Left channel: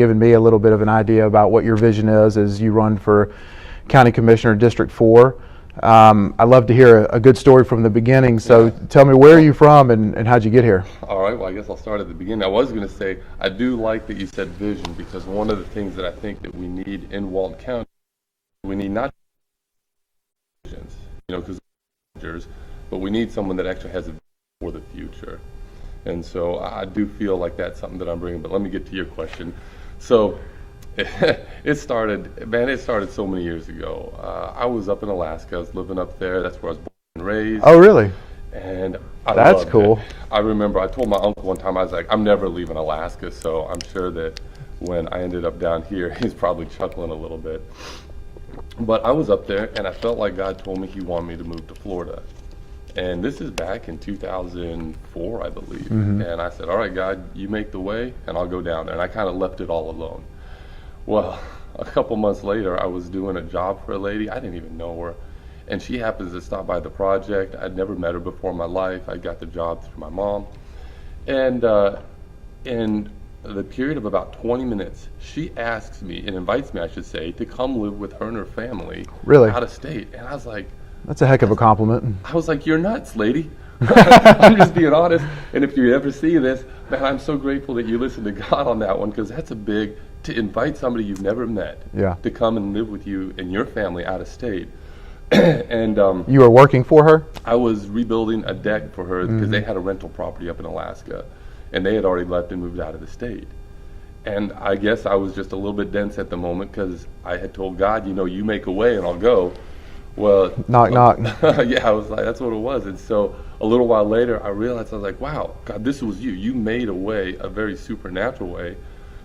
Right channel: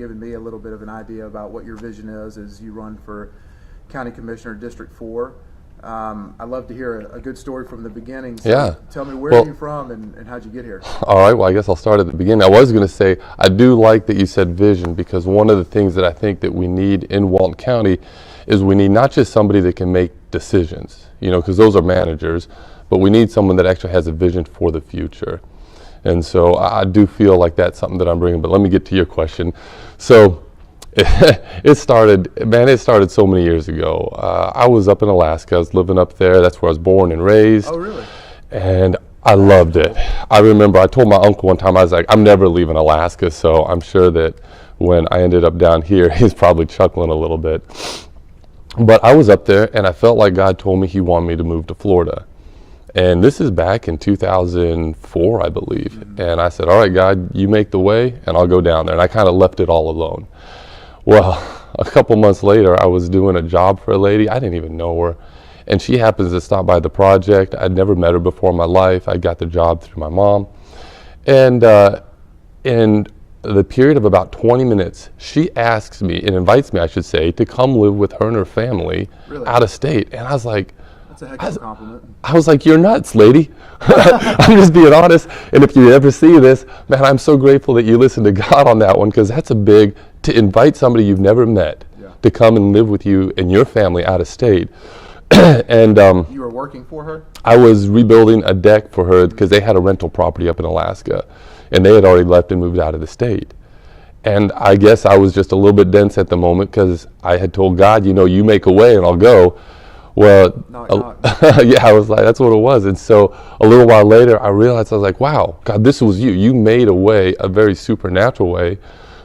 Given me a little bit of an idea about what your vision is as you run for County Commissioner District 4. I'd love to hear a good story from the beginning. So Yeah. tell me, where are you from and how'd you get here? All right, well, I guess I'll start at the beginning. I was going to say, I do like that you said vision, because one of the things that I think that we need in Walton County is we need not just somebody that can make decisions, because those are managers, but we need someone that actually has a vision for the future. And so I do feel like that's something that I'm bringing, but let me get to your question. So it started so many years ago. I was up in Alaska. I was living up there. That's where I was born and raised. Oh, really? And I That's loved cool. it. I remember I told my uncle one time, I was like, I'm never leaving Alaska. So I'm sure that when I ended up down here, he's probably chuckling a little bit. But I was up there and I felt like God told me he wanted me to move to Florida. And this is back in 2004, I believe. Mm-hmm. And I said, all right, God, you make the way and I'll go down there. And I kind of left it all alone. Well, a couple months later, I was doing a job for a lady. I didn't even know her. And she happens to stop by the project. I'd never met her before in my life. I got the job through my mom. And in the period of about 20 minutes, she asks me, and invites me, I should say, to come live with her and her family out of state. And I was like, that's a heck of a compliment. I was like, you're nuts, lady. I'm just being honest. And if you ever see this, man, I'm so grateful that you listened to God on that one, because that's a big, to invite somebody you've never met to come and live with you and your family out of state. And you were working for her? I was rebuilding a deck for her because they had a rental property up in Alaska, and they had already left and moved out of the state. And I guess I was just a little bit dense at the moment, because I had told God, you make a way and I'll go. Well, knock, knock. Yeah, I was like, that's what it was. And so a little while later, I realized, I was like, wow, God, this was you. You made a way, a very supernatural way.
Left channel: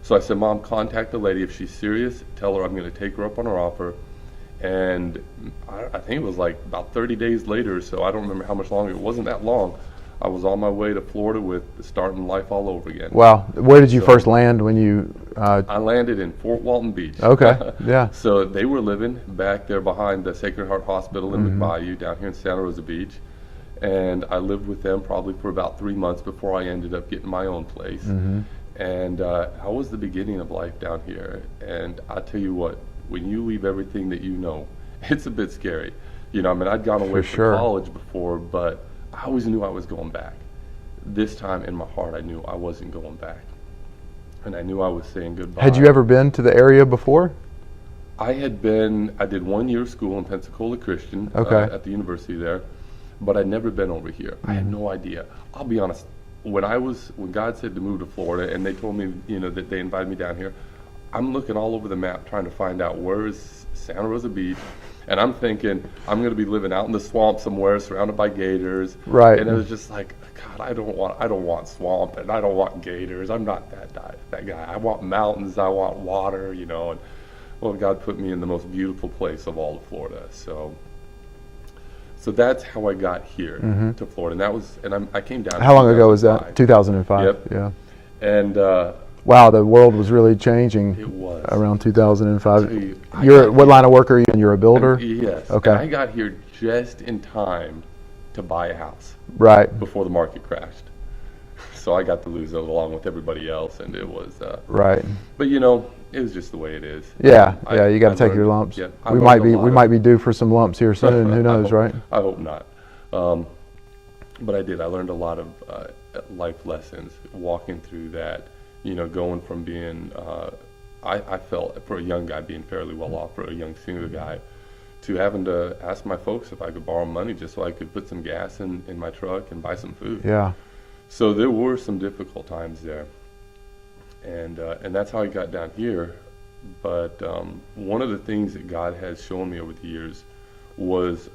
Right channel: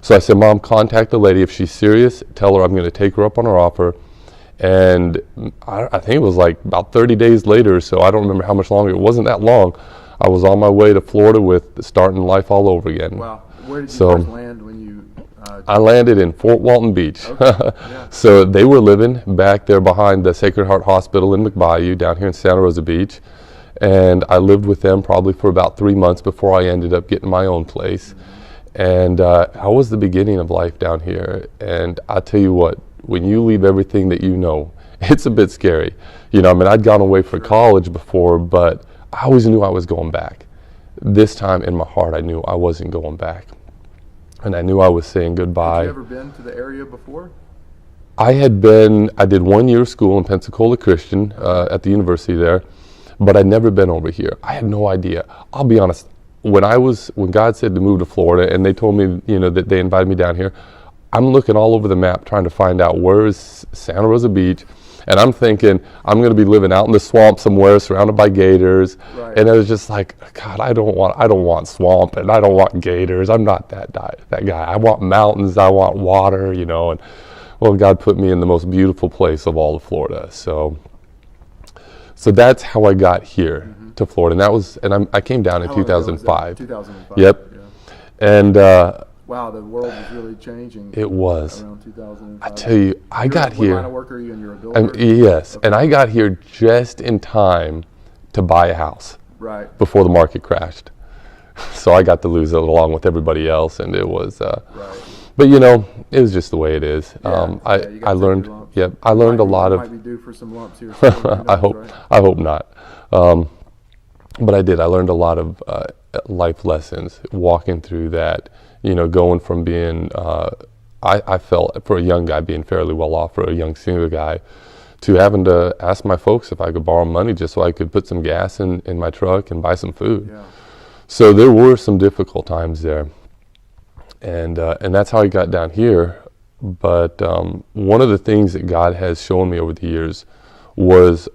So I said, Mom, contact the lady. If she's serious, tell her I'm going to take her up on her offer. And I think it was like about 30 days later, so I don't remember how much longer. It wasn't that long. I was on my way to Florida with starting life all over again. Wow. Where did you first land when you... I landed in Fort Walton Beach. Okay, yeah. So they were living back there behind the Sacred Heart Hospital in McBayou down here in Santa Rosa Beach. And I lived with them probably for about 3 months before I ended up getting my own place. And I was the beginning of life down here. And I tell you what, when you leave everything that you know, it's a bit scary. I'd gone away for college before, but I always knew I was going back. This time in my heart, I knew I wasn't going back. And I knew I was saying goodbye. Had you ever been to the area before? I did 1 year of school in Pensacola Christian at the university there, but I'd never been over here. I had no idea. I'll be honest, when God said to move to Florida and they told me, that they invited me down here, I'm looking all over the map trying to find out where is Santa Rosa Beach. And I'm thinking, I'm going to be living out in the swamp somewhere surrounded by gators. Right. And it was just like, God, I don't want swamp and I don't want gators. I'm not that guy. I want mountains. I want water, And well, God put me in the most beautiful place of all of Florida. So that's how I got here to Florida. And I came down in 2005. How long ago was that? 2005. Yep. Yeah. And wow, the world was really changing. It was. Around 2005. I tell you, what line of work are you in? You're a builder? Yes. Okay. And I got here just in time to buy a house. Right. Before the market crashed. So I got to lose it along with everybody else, and it was... right. But it was just the way it is. Yeah, you got to take your lumps. Yep. I learned a lot. We might be due for some lumps here soon. Who knows, right? I hope not. But I did. I learned a lot of life lessons walking through that. Going from being, I felt for a young guy being fairly well off, for a young single guy, to having to ask my folks if I could borrow money just so I could put some gas in my truck and buy some food. Yeah. So there were some difficult times there. And that's how I got down here. But one of the things that God has shown me over the years was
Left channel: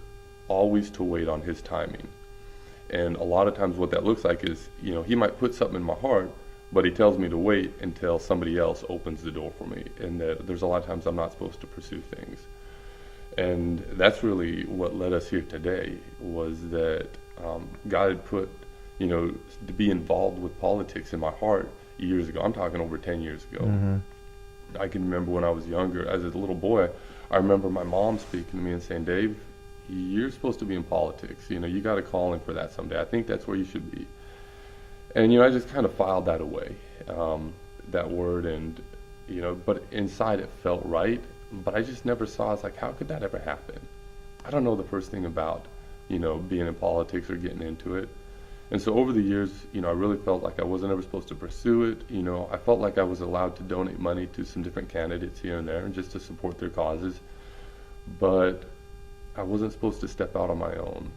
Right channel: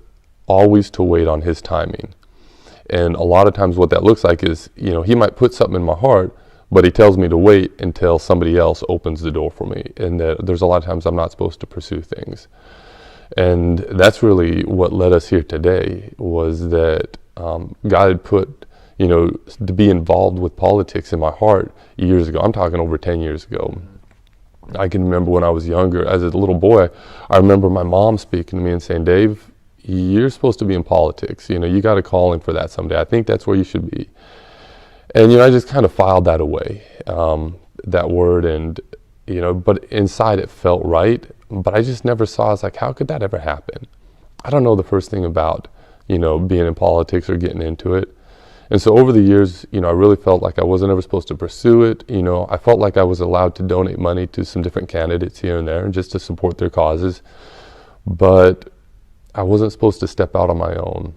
always to wait on His timing. And a lot of times what that looks like is, He might put something in my heart, but He tells me to wait until somebody else opens the door for me. And that there's a lot of times I'm not supposed to pursue things. And that's really what led us here today, was that God had put, to be involved with politics in my heart years ago. I'm talking over 10 years ago. I can remember when I was younger, as a little boy, I remember my mom speaking to me and saying, Dave, you're supposed to be in politics. You got a calling for that someday. I think that's where you should be. And, I just kind of filed that away, that word. And, but inside it felt right. But I just never saw, I was like, how could that ever happen? I don't know the first thing about, being in politics or getting into it. And so over the years, I really felt like I wasn't ever supposed to pursue it. I felt like I was allowed to donate money to some different candidates here and there just to support their causes. But I wasn't supposed to step out on my own.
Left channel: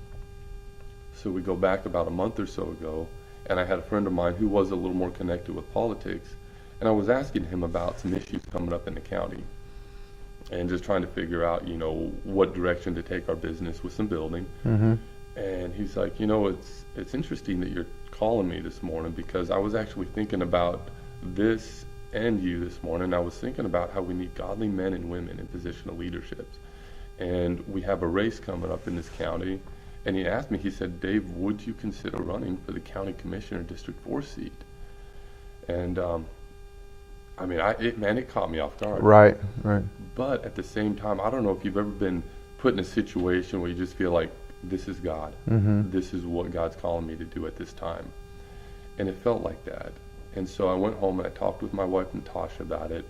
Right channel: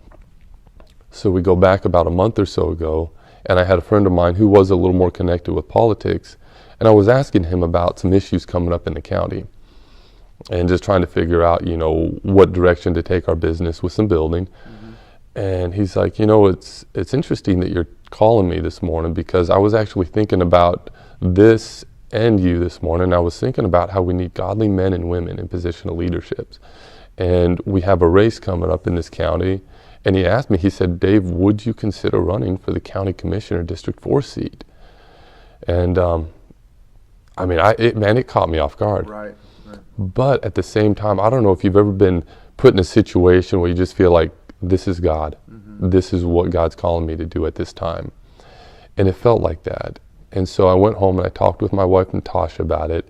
So we go back about a month or so ago, and I had a friend of mine who was a little more connected with politics, and I was asking him about some issues coming up in the county and just trying to figure out, what direction to take our business with some building. Mm-hmm. And he's like, it's interesting that you're calling me this morning, because I was actually thinking about this and you this morning. I was thinking about how we need godly men and women in position of leaderships. And we have a race coming up in this county. And he asked me, he said, Dave, would you consider running for the county commissioner District 4 seat? And it caught me off guard. Right. But at the same time, I don't know if you've ever been put in a situation where you just feel like, this is God. Mm-hmm. This is what God's calling me to do at this time. And it felt like that. And so I went home and I talked with my wife Natasha about it.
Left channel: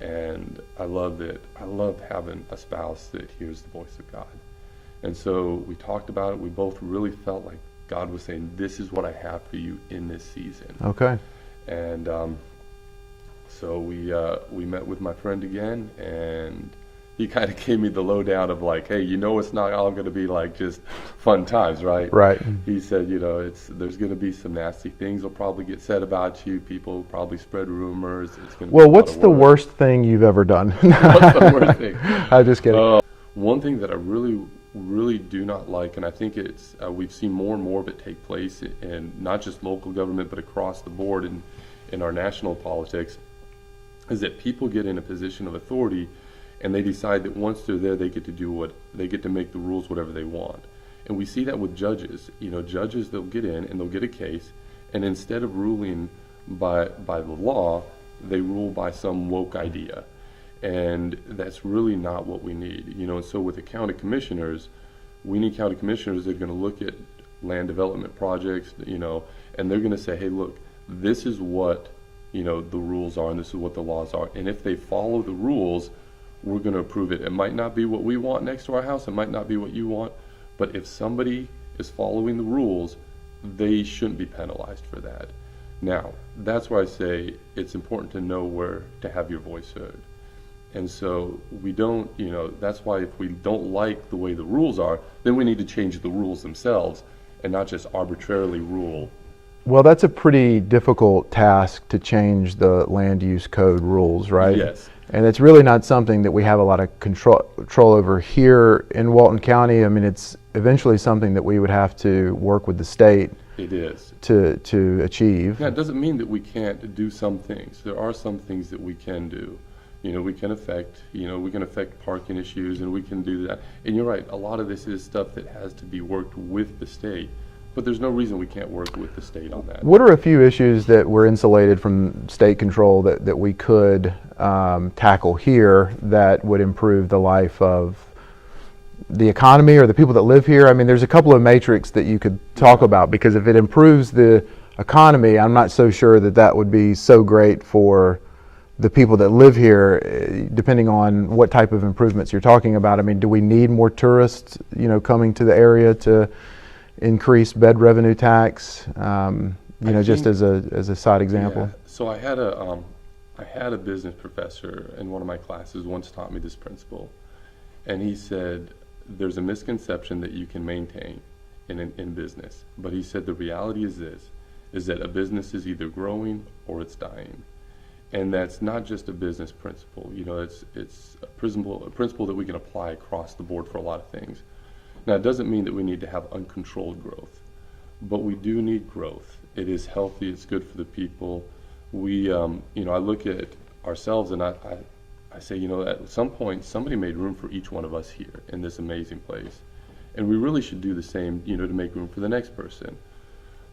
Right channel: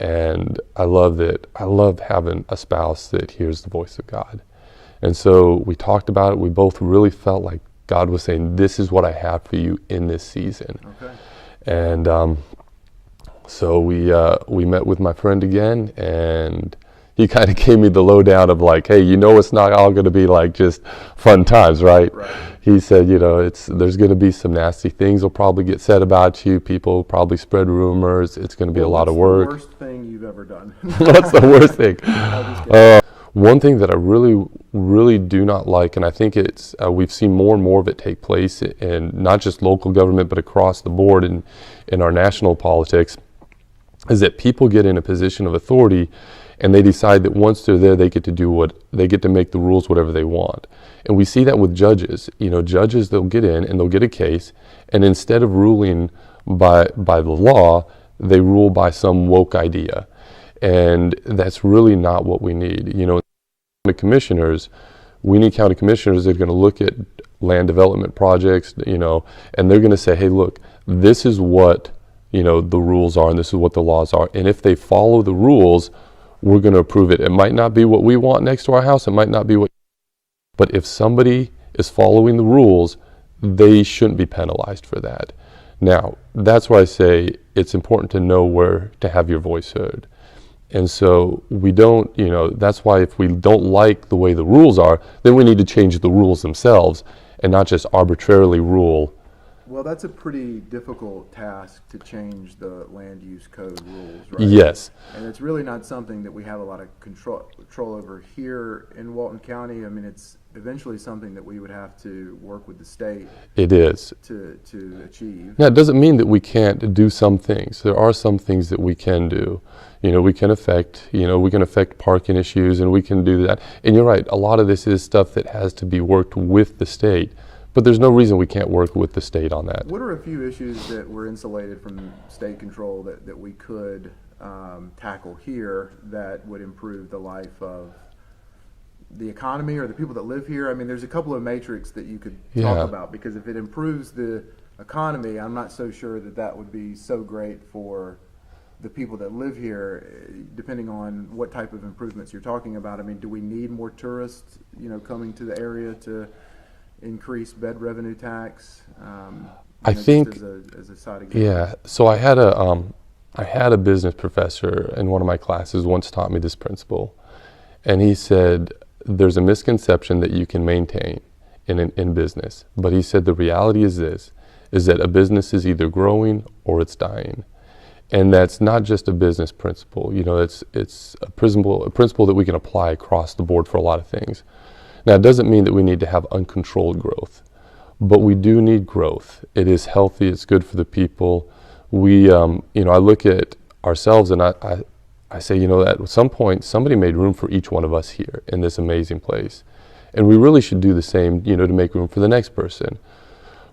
And I love having a spouse that hears the voice of God. And so we talked about it. We both really felt like God was saying, this is what I have for you in this season. Okay. And so we met with my friend again, and he kind of gave me the lowdown of like, hey, it's not all going to be like just fun times, right? Right. He said, there's going to be some nasty things will probably get said about you. People probably spread rumors. It's going to be a lot of work. What's the worst thing you've ever done? What's the worst thing? I just kidding. One thing that I really, really do not like, and I think it's we've seen more and more of it take place in not just local government, but across the board in our national politics, is that people get in a position of authority and they decide that once they're there, they get to make the rules whatever they want. And we see that with judges. Judges, they'll get in and they'll get a case, and instead of ruling by the law, they rule by some woke idea. And that's really not what we need. So with the county commissioners, we need county commissioners that are going to look at land development projects, and they're going to say, hey, look, this is what, the rules are, and this is what the laws are. And if they follow the rules, we're going to approve it. It might not be what we want next to our house. It might not be what you want. But if somebody is following the rules, they shouldn't be penalized for that. Now, that's why I say it's important to know where to have your voice heard. And so we don't, that's why if we don't like the way the rules are, then we need to change the rules themselves and not just arbitrarily rule. Well, that's a pretty difficult task to change the land use code rules, right? Yes. And it's really not something that we have a lot of control over here in Walton County. I mean, it's eventually something that we would have to work with the state. It is. To achieve. Now, it doesn't mean that we can't do some things. There are some things that we can do. We can affect parking issues, and we can do that. And you're right, a lot of this is stuff that has to be worked with the state. But there's no reason we can't work with the state on that. What are a few issues that were insulated from state control that we could tackle here that would improve the life of the economy or the people that live here? I mean, there's a couple of metrics that you could talk about, because if it improves the economy, I'm not so sure that would be so great for the people that live here, depending on what type of improvements you're talking about. I mean, do we need more tourists, coming to the area to increase bed revenue tax? Just as a side example. Yeah. So I had a business professor in one of my classes once taught me this principle, and he said there's a misconception that you can maintain in business, but he said the reality is that a business is either growing or it's dying. And that's not just a business principle. It's a principle that we can apply across the board for a lot of things. Now, it doesn't mean that we need to have uncontrolled growth, but we do need growth. It is healthy. It's good for the people. We, I look at ourselves and I say, at some point, somebody made room for each one of us here in this amazing place. And we really should do the same, to make room for the next person.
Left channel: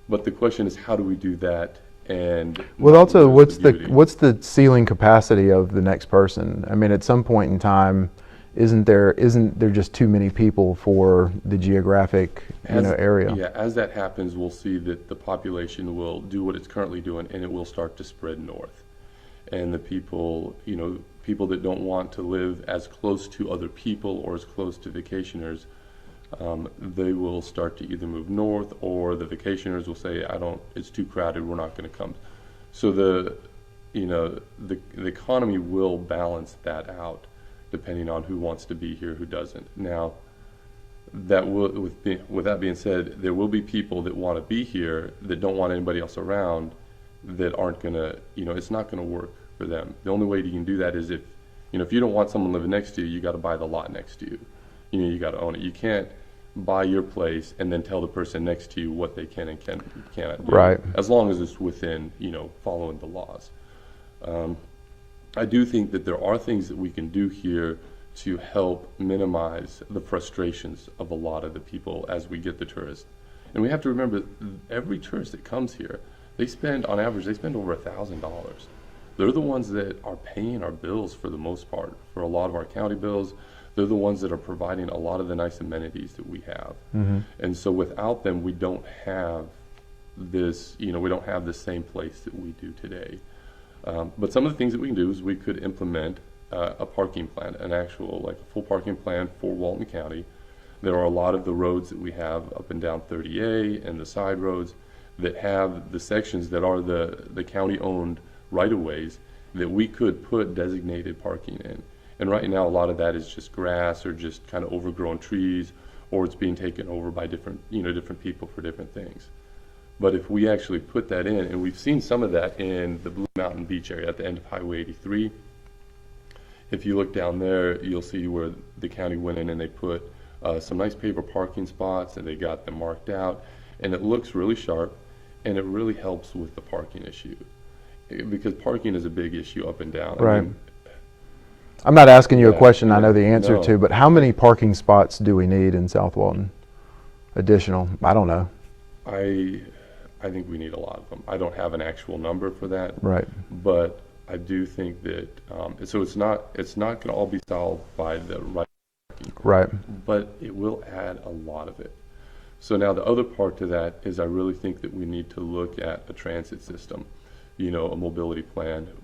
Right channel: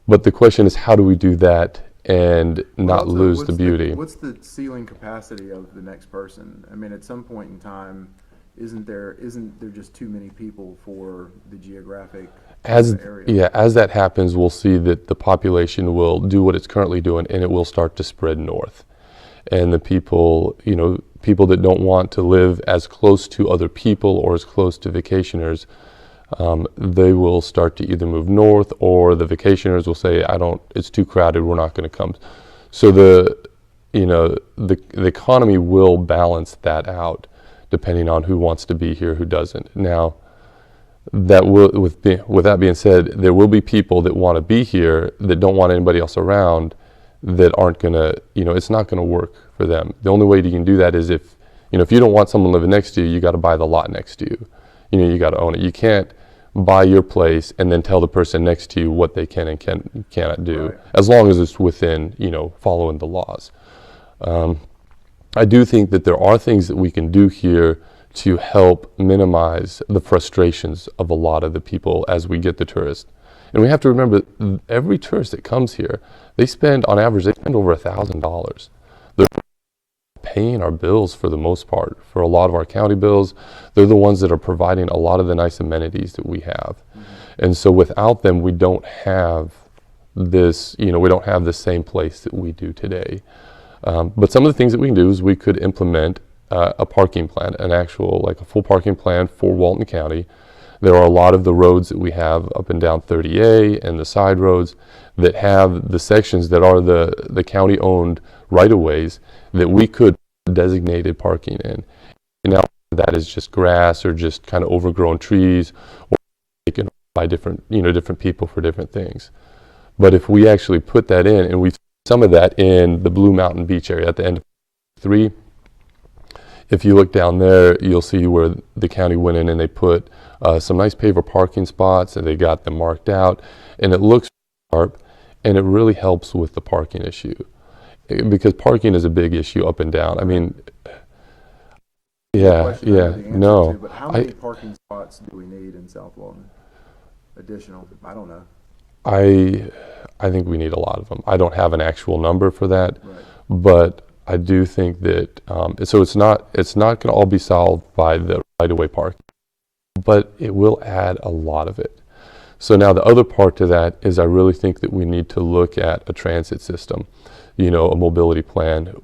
But the question is, how do we do that and not lose the beauty? What's the ceiling capacity of the next person? I mean, at some point in time, isn't there just too many people for the geographic area? Yeah, as that happens, we'll see that the population will do what it's currently doing, and it will start to spread north. and the people, people that don't want to live as close to other people or as close to vacationers, they will start to either move north, or the vacationers will say, it's too crowded, we're not going to come. So the economy will balance that out depending on who wants to be here, who doesn't. Now, with that being said, there will be people that want to be here that don't want anybody else around, that aren't going to, it's not going to work for them. The only way you can do that is if you don't want someone living next to you, you got to buy the lot next to you. You got to own it. You can't buy your place and then tell the person next to you what they can and cannot do. Right. As long as it's within, following the laws. I do think that there are things that we can do here to help minimize the frustrations of a lot of the people as we get the tourists. And we have to remember, every tourist that comes here, on average, they spend over $1,000. They're the ones that are paying our bills for the most part, for a lot of our county bills. They're the ones that are providing a lot of the nice amenities that we have. Mm-hmm. And so without them, we don't have this, we don't have the same place that we do today. But some of the things that we can do is we could implement a parking plan, a full parking plan for Walton County. There are a lot of the roads that we have up and down 30A and the side roads that have the sections that are the county-owned right-of-ways that we could put designated parking in. And right now, a lot of that is just grass or just kind of overgrown trees, or it's being taken over by different people for different things. But if we actually put that in, and we've seen some of that in the Blue Mountain Beach area at the end of Highway 83. If you look down there, you'll see where the county went in and they put some nice paver parking spots, and they got them marked out, and it looks really sharp, and it really helps with the parking issue. Because parking is a big issue up and down. Right. I mean, I'm not asking you a question I know the answer no. to, but how many parking spots do we need in South Walton? Additional? I don't know. I think we need a lot of them. I don't have an actual number for that. Right. But I do think that so it's not going to all be solved by the right-of-way parking. Right. But it will add a lot of it. So now the other part to that is I really think that we need to look at a transit system, a mobility plan.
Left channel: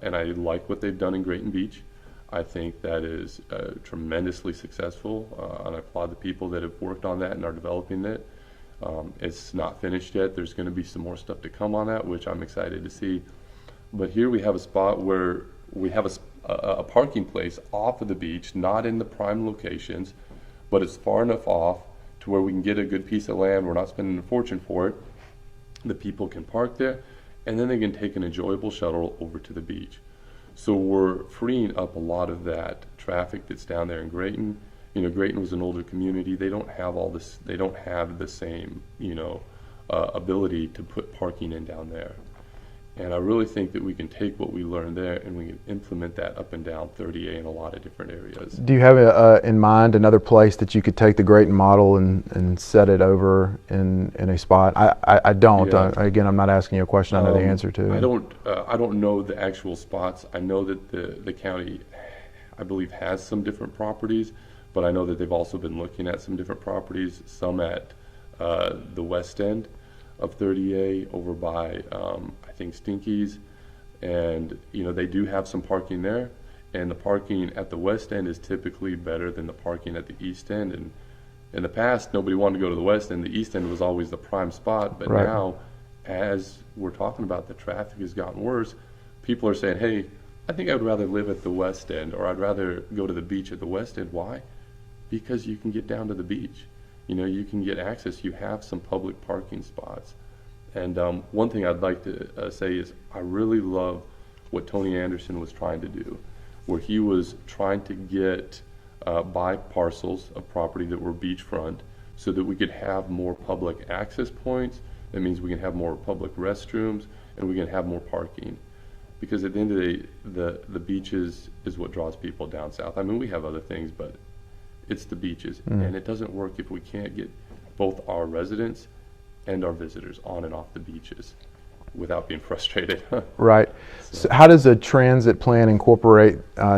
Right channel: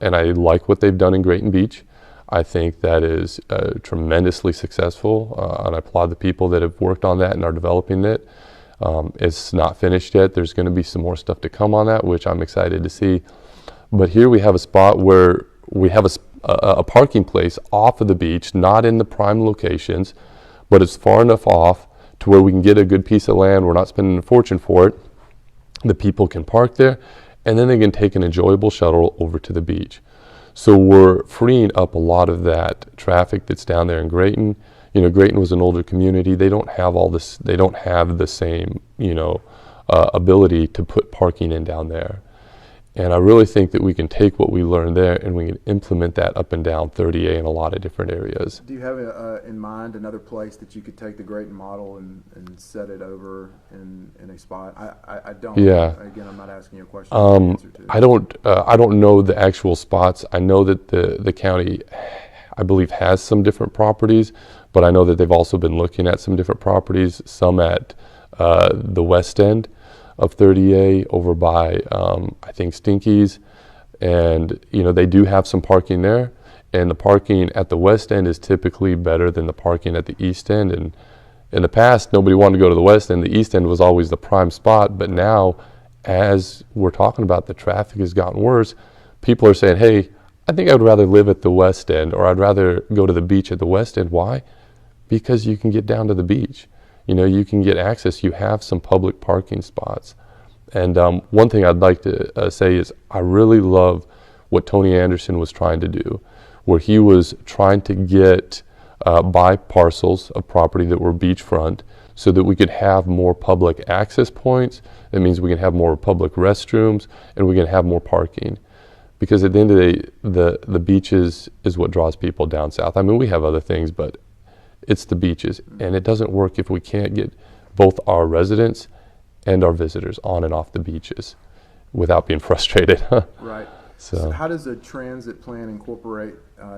And I like what they've done in Grayton Beach. I think that is tremendously successful, and I applaud the people that have worked on that and are developing it. It's not finished yet. There's going to be some more stuff to come on that, which I'm excited to see. But here we have a spot where we have a parking place off of the beach, not in the prime locations, but it's far enough off to where we can get a good piece of land. We're not spending a fortune for it. The people can park there, and then they can take an enjoyable shuttle over to the beach. So we're freeing up a lot of that traffic that's down there in Grayton. Grayton was an older community. They don't have all this. They don't have the same, ability to put parking in down there. And I really think that we can take what we learned there and we can implement that up and down 30A in a lot of different areas. Do you have in mind another place that you could take the Grayton model and set it over in a spot? I don't. Yeah. Again, I'm not asking you a question I know the answer to. I don't know the actual spots. I know that the county, I believe, has some different properties, but I know that they've also been looking at some different properties, some at the west end of 30A over by, I think, Stinky's. And, they do have some parking there. And the parking at the west end is typically better than the parking at the east end. And in the past, nobody wanted to go to the west end. The east end was always the prime spot. But right. Now, as we're talking about, the traffic has gotten worse. People are saying, hey, I think I would rather live at the west end, or I'd rather go to the beach at the west end. Why? Because you can get down to the beach. You can get access. You have some public parking spots. And one thing I'd like to say is I really love what Tony Anderson was trying to do, where he was trying to get buy parcels of property that were beachfront so that we could have more public access points. That means we can have more public restrooms and we can have more parking. Because at the end of the day, the beaches is what draws people down south. I mean, we have other things, but it's the beaches. And it doesn't work if we can't get both our residents and our visitors on and off the beaches without being frustrated. Right. So how does a transit plan incorporate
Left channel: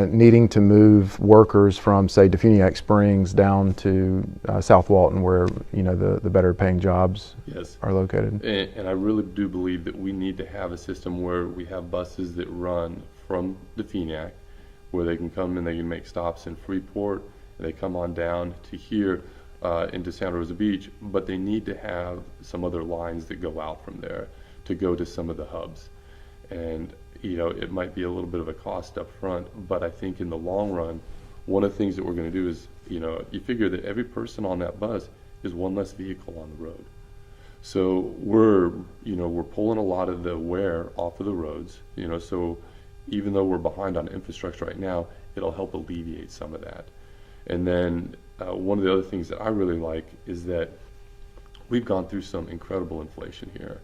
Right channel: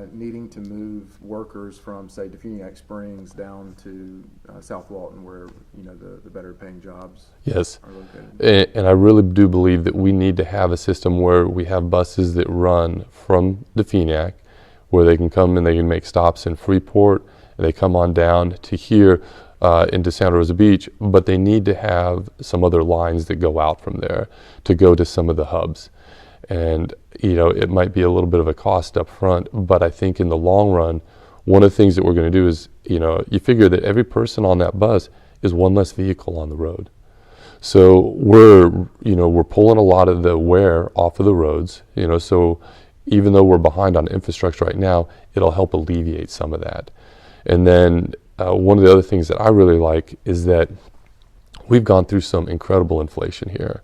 needing to move workers from, say, Defuniak Springs down to South Walton, where the better paying jobs Yes. are located? And I really do believe that we need to have a system where we have buses that run from Defuniak, where they can come and they can make stops in Freeport, and they come on down to here into Santa Rosa Beach, but they need to have some other lines that go out from there to go to some of the hubs. And it might be a little bit of a cost up front, but I think in the long run, one of the things that we're going to do is, you figure that every person on that bus is one less vehicle on the road. So we're pulling a lot of the wear off of the roads, so even though we're behind on infrastructure right now, it'll help alleviate some of that. And then one of the other things that I really like is that we've gone through some incredible inflation here.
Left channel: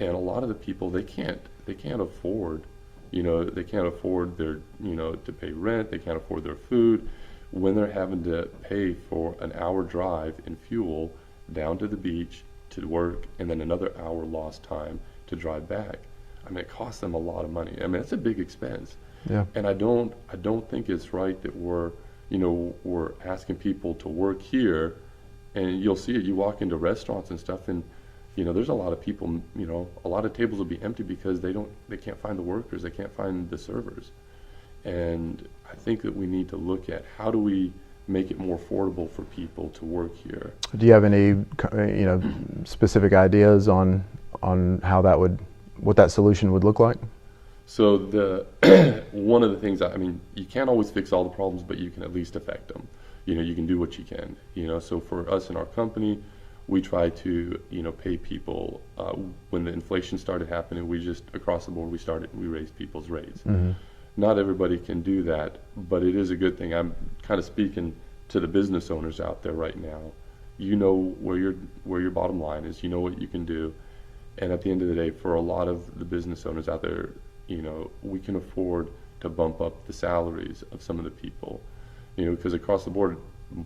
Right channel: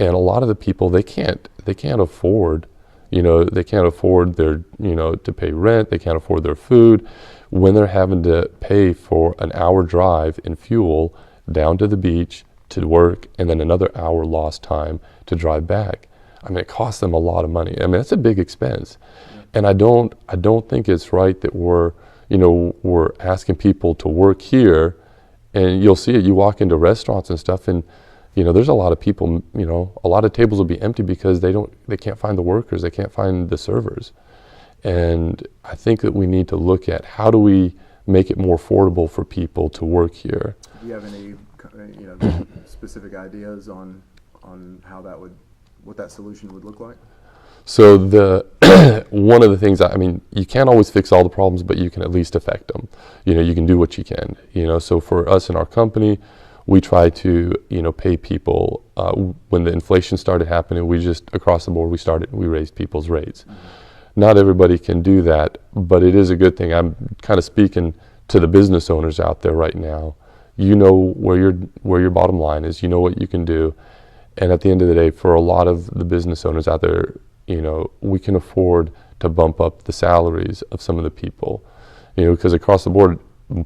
And a lot of the people, they can't afford, they can't afford their, to pay rent, they can't afford their food when they're having to pay for an hour drive in fuel down to the beach to work and then another hour lost time to drive back. I mean, it costs them a lot of money. I mean, that's a big expense. Yeah. And I don't think it's right that we're asking people to work here, and you'll see it, you walk into restaurants and stuff, and there's a lot of people, a lot of tables will be empty because they can't find the workers, they can't find the servers. And I think that we need to look at how do we make it more affordable for people to work here. Do you have any, specific ideas on how what that solution would look like? So one of the things, you can't always fix all the problems, but you can at least affect them. You can do what you can. So for us in our company, we try to, pay people. When the inflation started happening, we just, across the board, we raised people's rates. Mm-hmm. Not everybody can do that, but it is a good thing. I'm kind of speaking to the business owners out there right now. Where your bottom line is, what you can do. And at the end of the day, for a lot of the business owners out there, we can afford to bump up the salaries of some of the people, because across the board,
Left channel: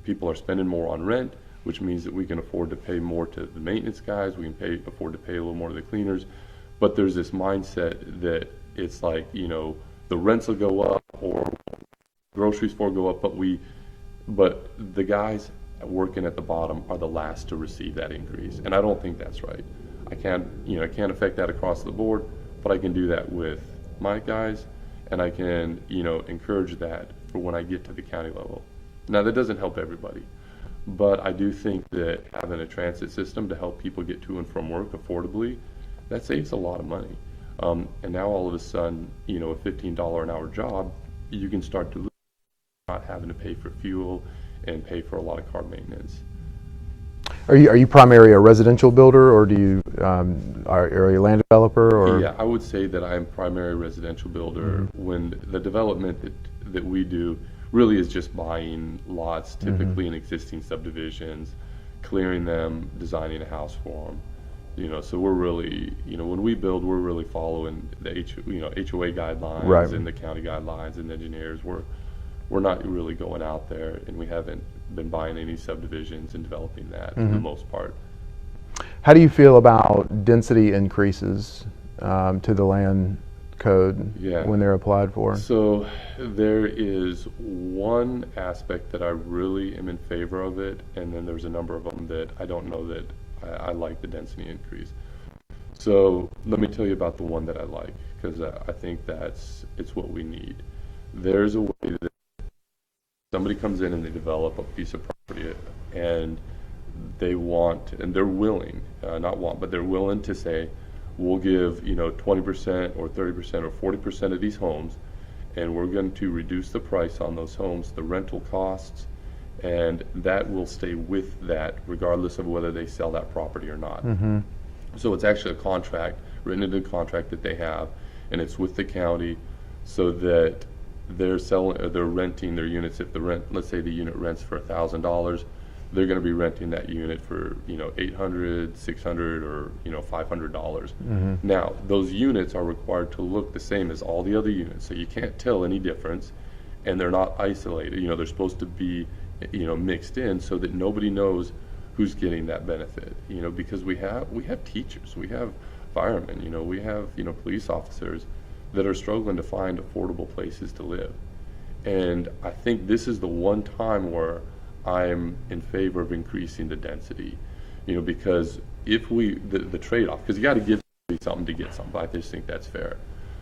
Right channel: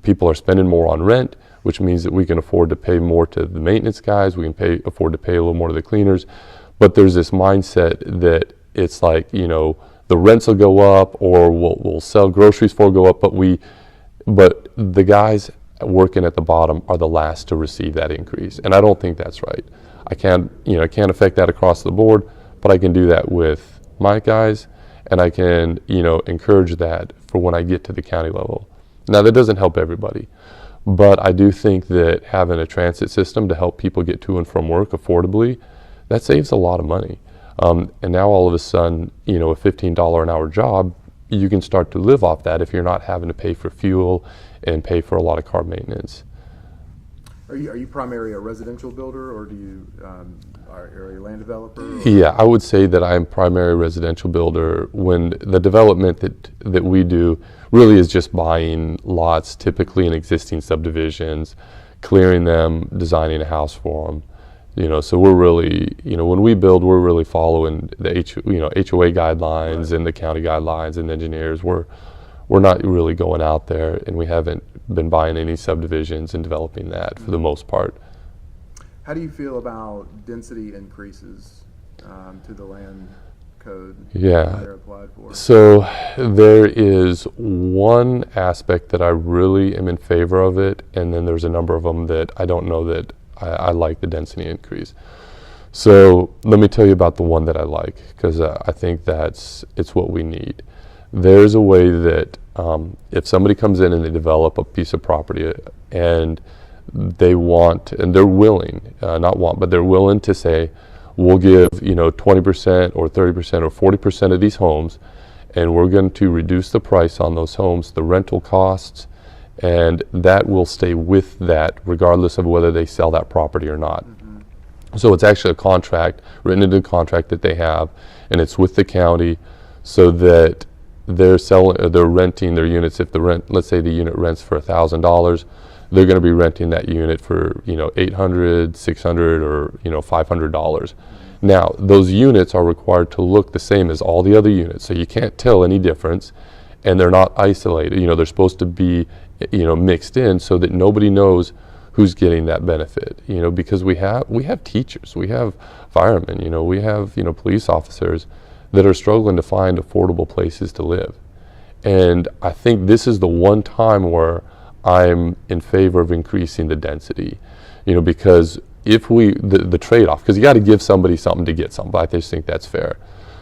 people are spending more on rent, which means that we can afford to pay more to the maintenance guys, we can afford to pay a little more to the cleaners. But there's this mindset that it's like, the rents will go up, or we'll sell groceries for go up, but the guys working at the bottom are the last to receive that increase. And I don't think that's right. I can't affect that across the board, but I can do that with my guys, and I can, encourage that for when I get to the county level. Now, that doesn't help everybody, but I do think that having a transit system to help people get to and from work affordably, that saves a lot of money. And now all of a sudden, a $15 an hour job, you can start to live off that if you're not having to pay for fuel and pay for a lot of car maintenance. Are you primarily a residential builder, or are you a land developer? Or? Yeah, I would say that I am primary residential builder. When the development that we do really is just buying lots, typically in existing subdivisions, clearing them, designing a house for them. So we're really, when we build, we're really following the HOA guidelines, right, and the county guidelines and engineers. We're not really going out there, and we haven't been buying any subdivisions and developing that for the most part. How do you feel about density increases to the land code when they're applied for? So there is one aspect that I really am in favor of it, and then there's a number of them that I don't know that I like the density increase. So let me tell you about the one that I like, because I think it's what we need. There's a way that if somebody comes in and they develop a piece of property and they want, and they're willing, but they're willing to say, we'll give 20% or 30% or 40% of these homes, and we're going to reduce the price on those homes, the rental costs, and that will stay with that regardless of whether they sell that property or not. Mm-hmm. So it's actually a contract, written into a contract that they have, and it's with the county, so that they're renting their units. If let's say the unit rents for $1,000, they're going to be renting that unit for $800, $600, or $500. Mm-hmm. Now those units are required to look the same as all the other units, so you can't tell any difference, and they're not isolated. They're supposed to be mixed in so that nobody knows who's getting that benefit. Because we have teachers, we have firemen, we have police officers, that are struggling to find affordable places to live. And I think this is the one time where I'm in favor of increasing the density, because if the trade-off, because you got to give somebody something to get something, I just think that's fair.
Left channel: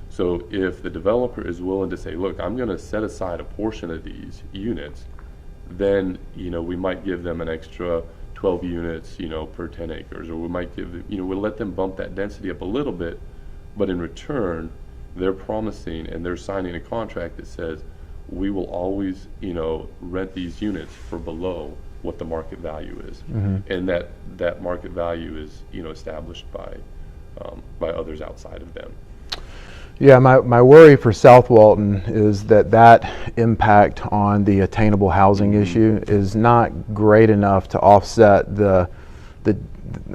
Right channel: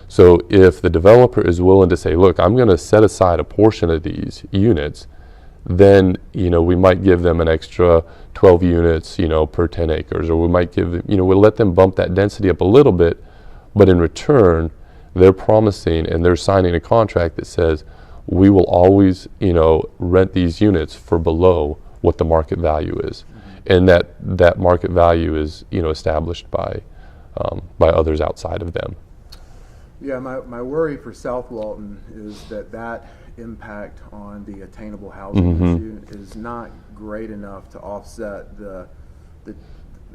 So if the developer is willing to say, look, I'm going to set aside a portion of these units, then, we might give them an extra 12 units, per 10 acres, or we might give them, we'll let them bump that density up a little bit, but in return, they're promising and they're signing a contract that says, we will always, rent these units for below what the market value is. And that market value is, established by others outside of them. Yeah, my worry for South Walton is that impact on the attainable housing issue is not great enough to offset the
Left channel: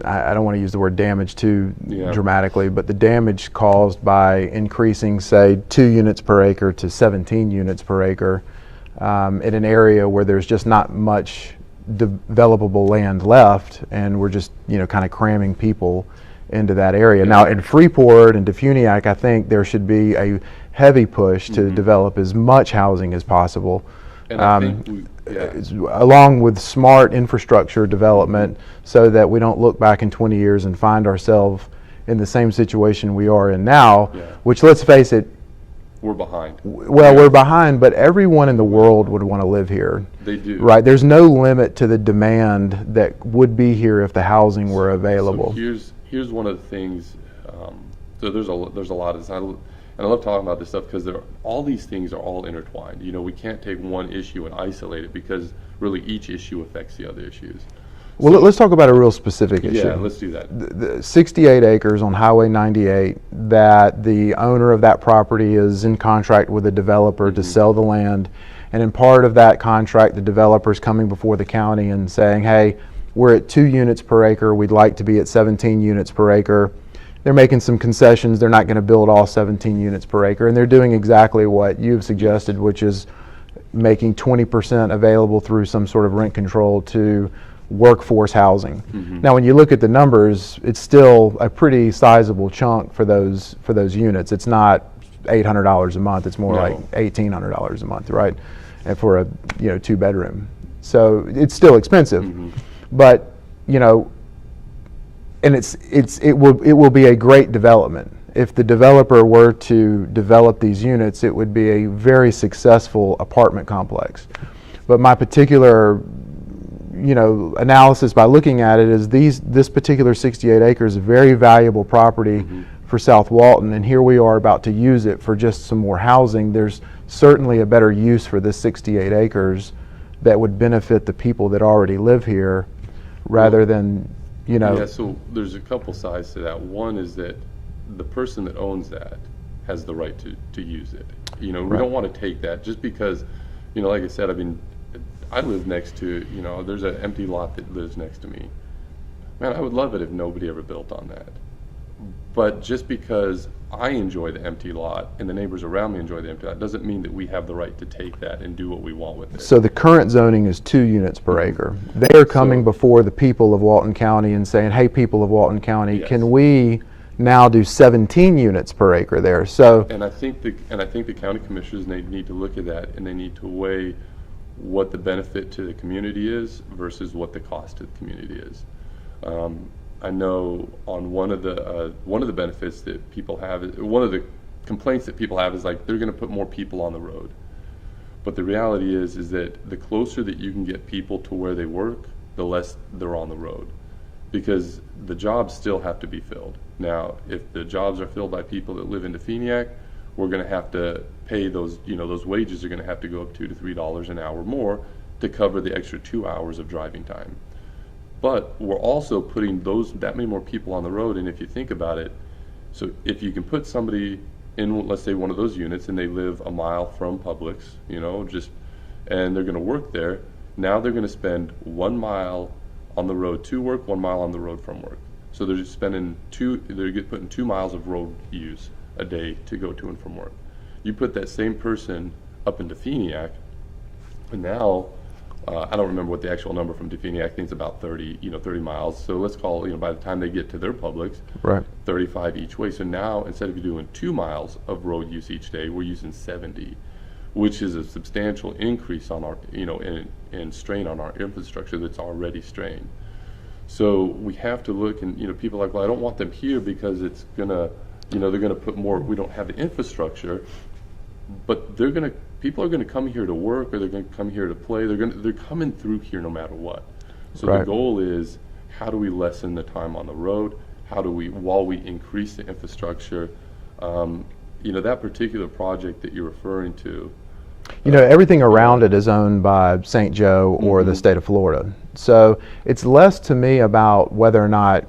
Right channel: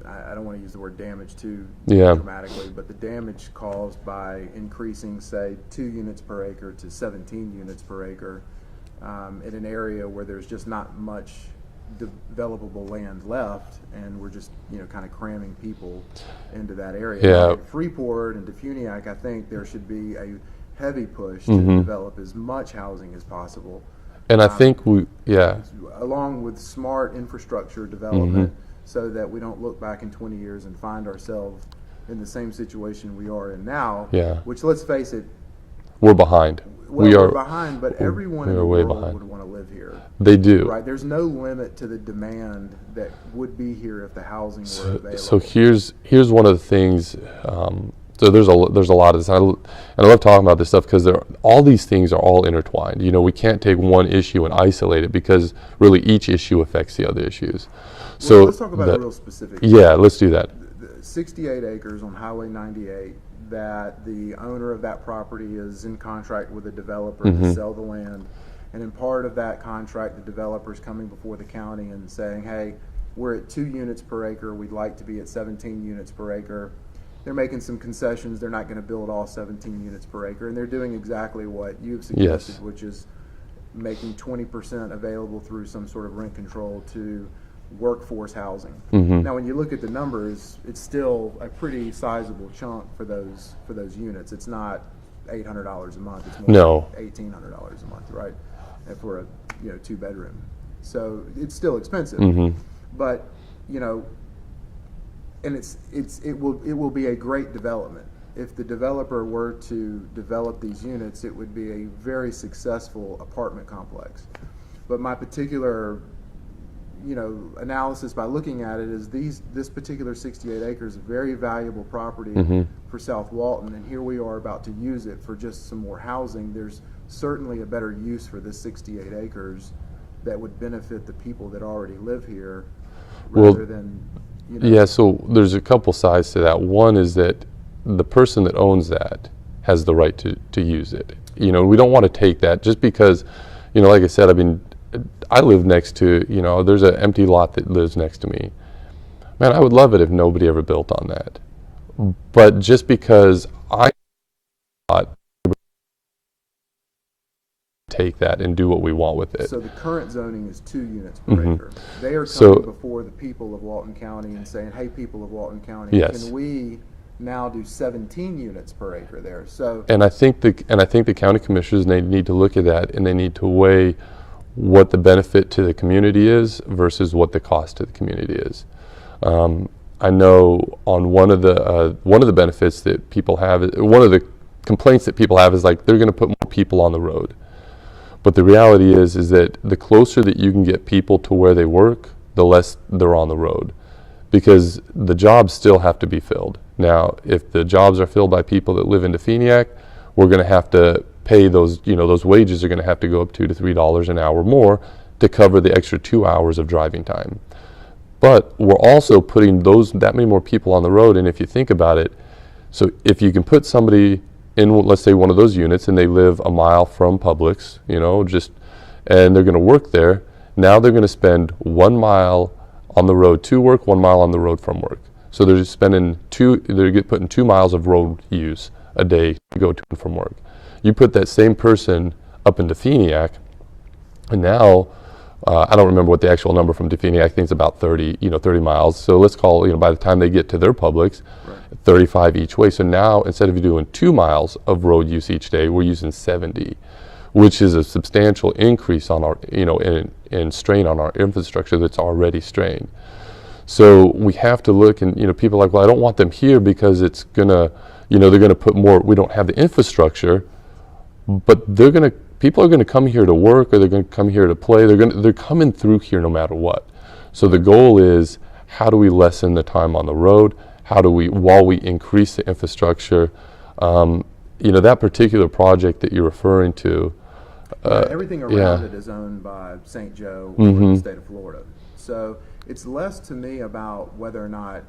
I don't want to use the word damage too dramatically, but the damage caused by increasing, say, 2 units per acre to 17 units per acre in an area where there's just not much developable land left, and we're just kind of cramming people into that area. Now in Freeport and Defuniak, I think there should be a heavy push to develop as much housing as possible. And I think along with smart infrastructure development, so that we don't look back in 20 years and find ourselves in the same situation we are in now, which, let's face it, we're behind. Well, we're behind, but everyone in the world would want to live here. They do. Right? There's no limit to the demand that would be here if the housing were available. So here's one of the things. So there's a lot of this, and I love talking about this stuff because all these things are all intertwined. We can't take one issue and isolate it because really each issue affects the other issues. Well, let's talk about a real specific issue. Yeah, let's do that. The 68 acres on Highway 98 that the owner of that property is in contract with a developer to sell the land. And in part of that contract, the developer's coming before the county and saying, hey, we're at 2 units per acre. We'd like to be at 17 units per acre. They're making some concessions. They're not going to build all 17 units per acre. And they're doing exactly what you've suggested, which is making 20% available through some sort of rent control to workforce housing. Now, when you look at the numbers, it's still a pretty sizable chunk for those units. It's not $800 a month. It's more like $1,800 a month, right? And for a 2-bedroom, so it's still expensive. But and it will be a great development. If the developer were to develop these units, it would be a very successful apartment complex. But my particular analysis by looking at it is this particular 68 acres is a very valuable property for South Walton, and here we are about to use it for just some more housing. There's certainly a better use for this 68 acres that would benefit the people that already live here rather than, Yeah, so there's a couple sides to that. One is that the person that owns that has the right to use it. We don't want to take that just because, like I said, I live next to, there's an empty lot that lives next to me. Man, I would love it if nobody ever built on that. But just because I enjoy the empty lot and the neighbors around me enjoy the empty lot doesn't mean that we have the right to take that and do what we want with it. So the current zoning is 2 units per acre. They are coming before the people of Walton County and saying, hey, people of Walton County, can we now do 17 units per acre there? So and I think the county commissioners, they need to look at that, and they need to weigh what the benefit to the community is versus what the cost to the community is. I know on one of the benefits that people have, one of the complaints that people have is like they're going to put more people on the road. But the reality is that the closer that you can get people to where they work, the less they're on the road, because the jobs still have to be filled. Now, if the jobs are filled by people that live in Defuniak, we're going to have to pay those, those wages are going to have to go up $2 to $3 an hour more to cover the extra 2 hours of driving time. But we're also putting that many more people on the road, and if you think about it, so if you can put somebody in, let's say, one of those units, and they live a mile from Publix, and they're going to work there, now they're going to spend 1 mile on the road to work, 1 mile on the road from work. So they're just spending they're putting 2 miles of road use a day to go to and from work. You put that same person up in Defuniak, and now I don't remember what the actual number from Defini. I think it's about 30 miles. So let's call, by the time they get to their Publix, Right. 35 each way. So now instead of doing 2 miles of road use each day, we're using 70, which is a substantial increase on our, in strain on our infrastructure that's already strained. So we have to look, and people are like, well, I don't want them here because it's gonna, they're gonna put more. We don't have the infrastructure, but people are gonna come here to work, or they're gonna come here to play. They're coming through here no matter what. So the Right. goal is, how do we lessen the time on the road? How do we, while we increase the infrastructure? That particular project that you're referring to. Everything around yeah. it is owned by St. Joe or the state of Florida. So it's less to me about whether or not,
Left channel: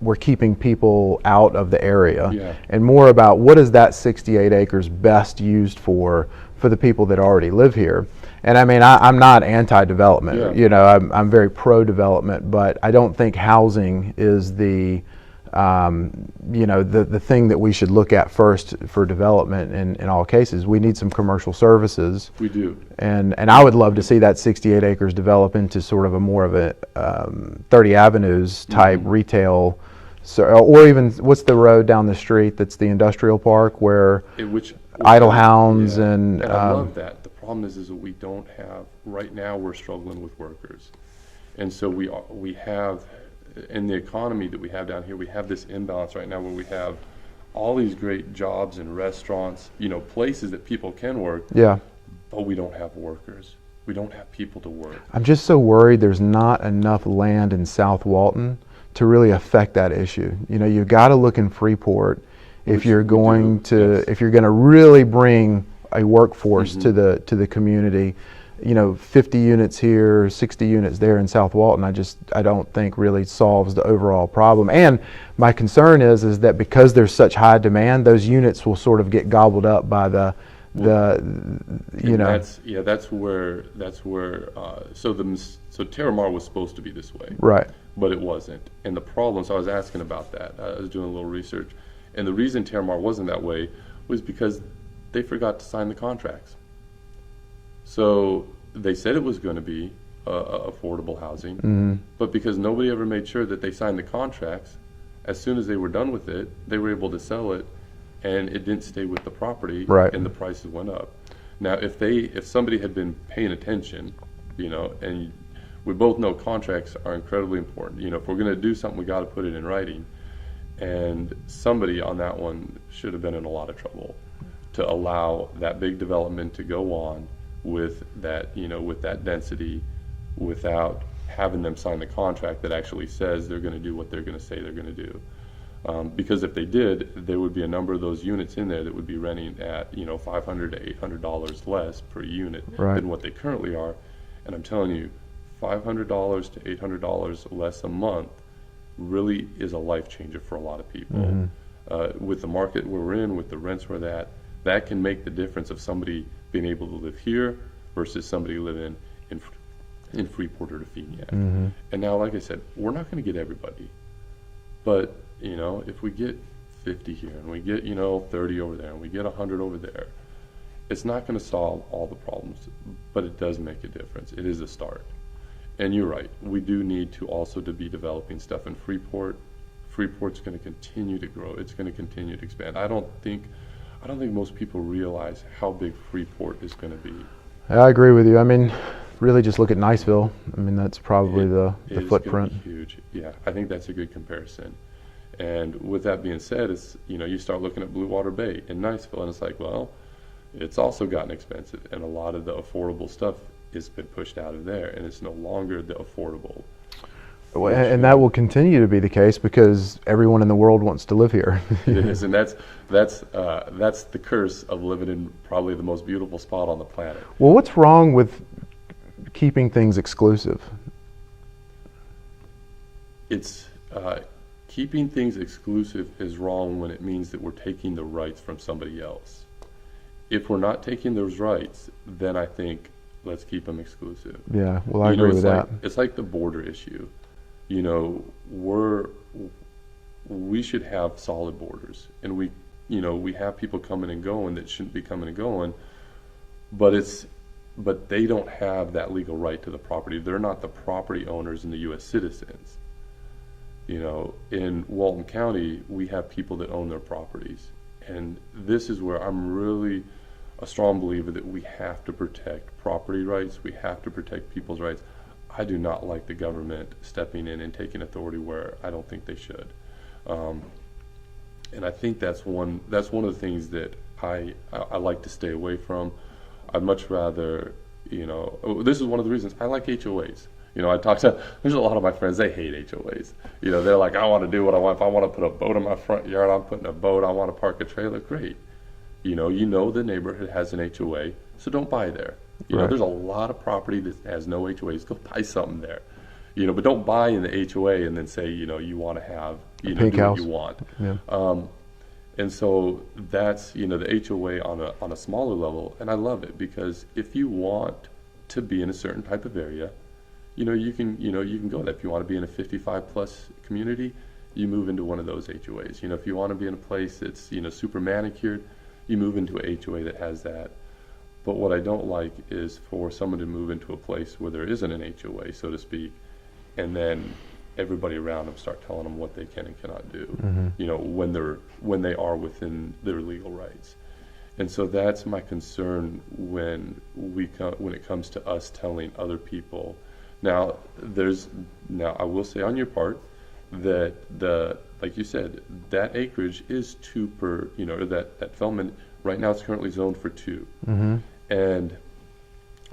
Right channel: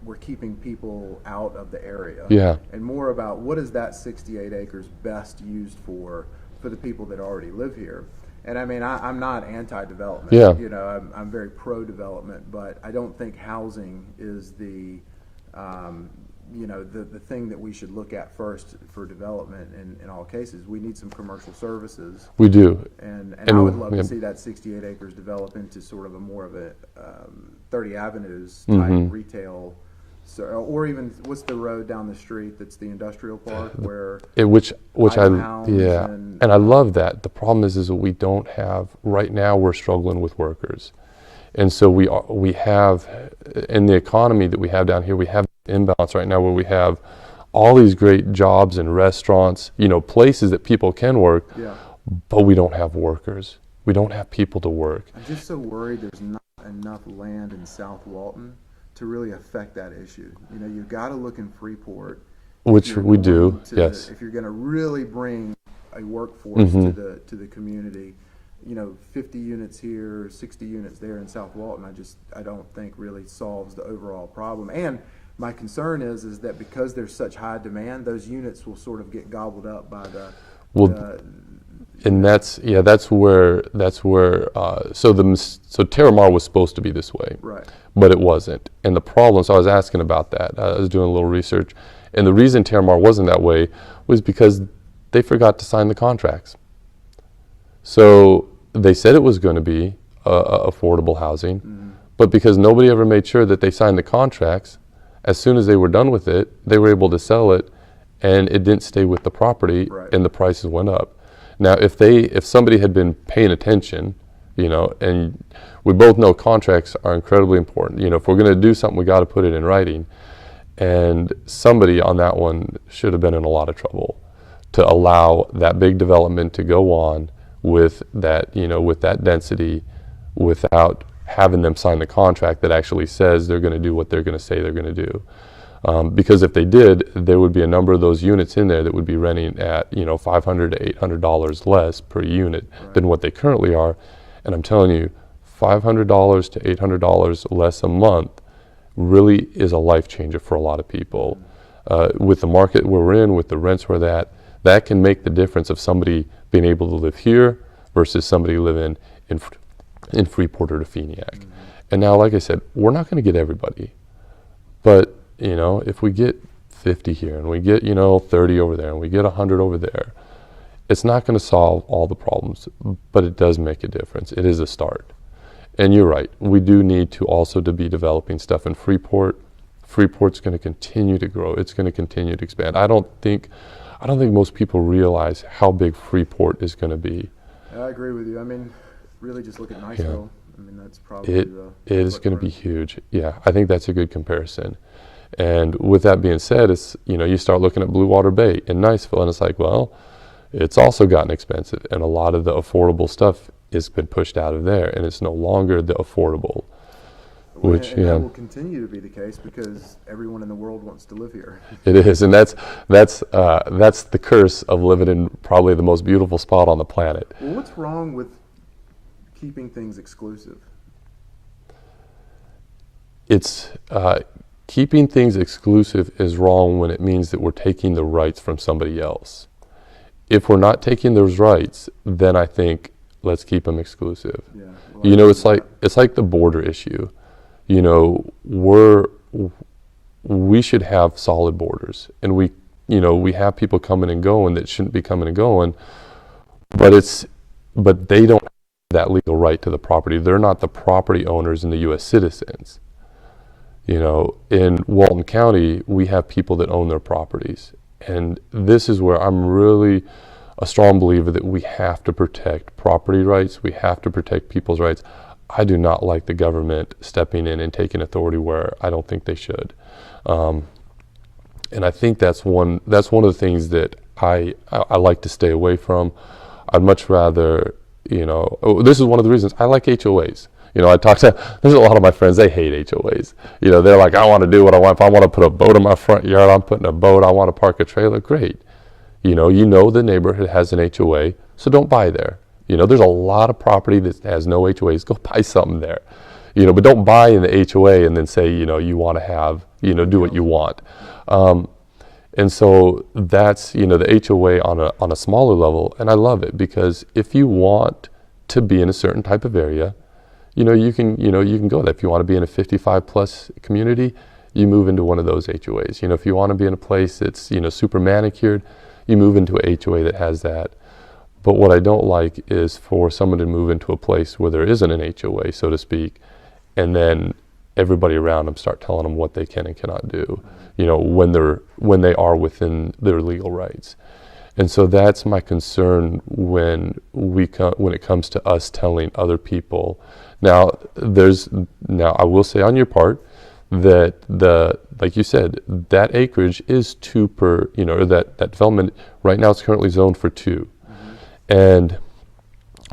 we're keeping people out of the area, Yeah. and more about what is that 68 acres best used for the people that already live here. And I mean, I'm not anti-development. Yeah. I'm very pro-development, but I don't think housing is the thing that we should look at first for development in all cases. We need some commercial services. We do. And I would love to see that 68 acres develop into sort of a more of a 30 Avenues type retail, or even, what's the road down the street that's the industrial park where Which Idle Hounds and I love that. The problem is that we don't have, right now we're struggling with workers. And so we have, in the economy that we have down here, we have this imbalance right now where we have all these great jobs and restaurants, places that people can work, Yeah. but we don't have workers. We don't have people to work. I'm just so worried there's not enough land in South Walton to really affect that issue. You've got to look in Freeport Which if you're we going do, to yes. if you're going to really bring a workforce to the community. 50 units here, 60 units there in South Walton, I don't think really solves the overall problem. And my concern is that because there's such high demand, those units will sort of get gobbled up by that's where so Terramar was supposed to be this way, right. but it wasn't. And the problem, so I was asking about that. I was doing a little research, and the reason Terramar wasn't that way was because they forgot to sign the contracts. So they said it was going to be affordable housing, but because nobody ever made sure that they signed the contracts, as soon as they were done with it, they were able to sell it, and it didn't stay with the property, Right. and the prices went up. Now, if somebody had been paying attention, and we both know contracts are incredibly important. If we're going to do something, we got to put it in writing. And somebody on that one should have been in a lot of trouble to allow that big development to go on with that, with that density, without having them sign the contract that actually says they're going to do what they're going to say they're going to do. Because if they did, there would be a number of those units in there that would be renting at $500 to $800 less per unit Right. than what they currently are. And I'm telling you, $500 to $800 less a month really is a life changer for a lot of people. With the market we're in, with the rents we're at, that can make the difference of somebody being able to live here versus somebody living in Freeport or Definiak. And now, like I said, we're not going to get everybody, but if we get 50 here and we get 30 over there and we get 100 over there, it's not going to solve all the problems, but it does make a difference. It is a start. And you're right, we do need to also to be developing stuff in Freeport. Freeport's going to continue to grow. It's going to continue to expand. I don't think most people realize how big Freeport is going to be. I agree with you. I mean, really just look at Niceville. I mean, that's probably the It is going to footprint. be huge. Yeah, I think that's a good comparison. And with that being said, it's you start looking at Blue Water Bay in Niceville, and it's like, well, it's also gotten expensive, and a lot of the affordable stuff has been pushed out of there, and it's no longer the affordable. And that will continue to be the case because everyone in the world wants to live here. It is, and that's the curse of living in probably the most beautiful spot on the planet. Well, what's wrong with keeping things exclusive? It's keeping things exclusive is wrong when it means that we're taking the rights from somebody else. If we're not taking those rights, then I think let's keep them exclusive. Yeah, well, I agree with that. It's like the border issue. We should have solid borders, and we have people coming and going that shouldn't be coming and going. But but they don't have that legal right to the property. They're not the property owners and the U.S. citizens. You know, in Walton County, we have people that own their properties. And this is where I'm really a strong believer that we have to protect property rights. We have to protect people's rights. I do not like the government stepping in and taking authority where I don't think they should. And I think that's one of the things that I like to stay away from. I'd much rather, you know, this is one of the reasons I like HOAs. You know, there's a lot of my friends, they hate HOAs. You know, they're like, I want to do what I want. If I want to put a boat in my front yard, I'm putting a boat. I want to park a trailer, great. You know the neighborhood has an HOA, so don't buy there. You know, there's a lot of property that has no HOAs. Go buy something there. You know, but don't buy in the HOA and then say, you know, you want to have, you know, do what you want. Yeah. And so that's, you know, the HOA on a smaller level, and I love it because if you want to be in a certain type of area, you can go there. If you want to be in a 55 plus community, you move into one of those HOAs. You know, if you want to be in a place that's, you know, super manicured, you move into a HOA that has that. But what I don't like is for someone to move into a place where there isn't an HOA, so to speak, and then everybody around them start telling them what they can and cannot do, you know, when they are within their legal rights. And so that's my concern when it comes to us telling other people. Now I will say on your part that like you said, that acreage is 2 per, you know, or that development right now it's currently zoned for 2. And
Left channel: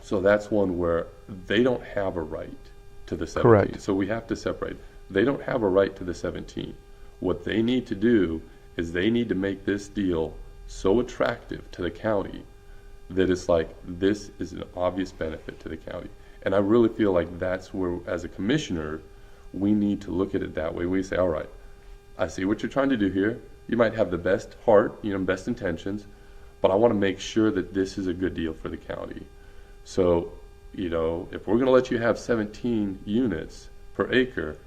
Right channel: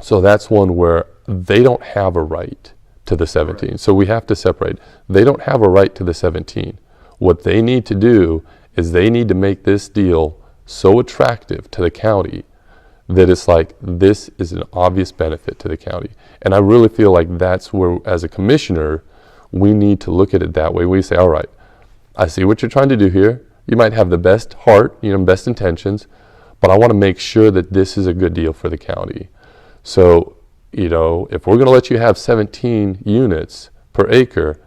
so that's one where they don't have a right to the 17. Correct. So we have to separate. They don't have a right to the 17. What they need to do is they need to make this deal so attractive to the county that it's like, this is an obvious benefit to the county. And I really feel like that's where, as a commissioner, we need to look at it that way. We say, all right, I see what you're trying to do here. You might have the best heart, you know, best intentions, but I want to make sure that this is a good deal for the county. So, you know, if we're going to let you have 17 units per acre,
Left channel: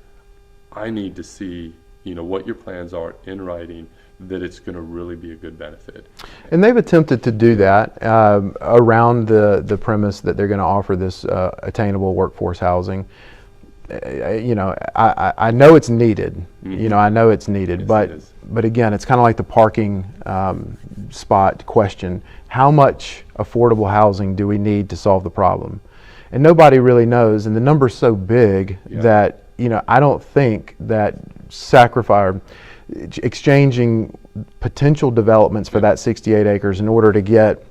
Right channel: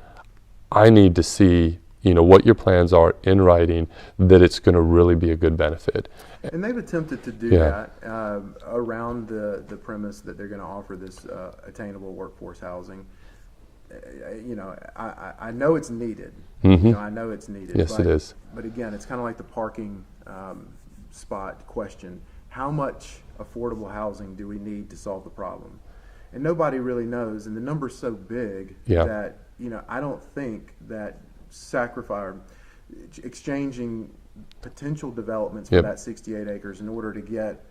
I need to see, you know, what your plans are in writing, that it's going to really be a good benefit. And they've attempted to do that around the premise that they're going to offer this attainable workforce housing. You know, I know it's needed. You know, I know it's needed. Yes, but it is. But again, it's kind of like the parking spot question. How much affordable housing do we need to solve the problem? And nobody really knows. And the number's so big that, you know, I don't think that exchanging potential developments for that 68 acres in order to get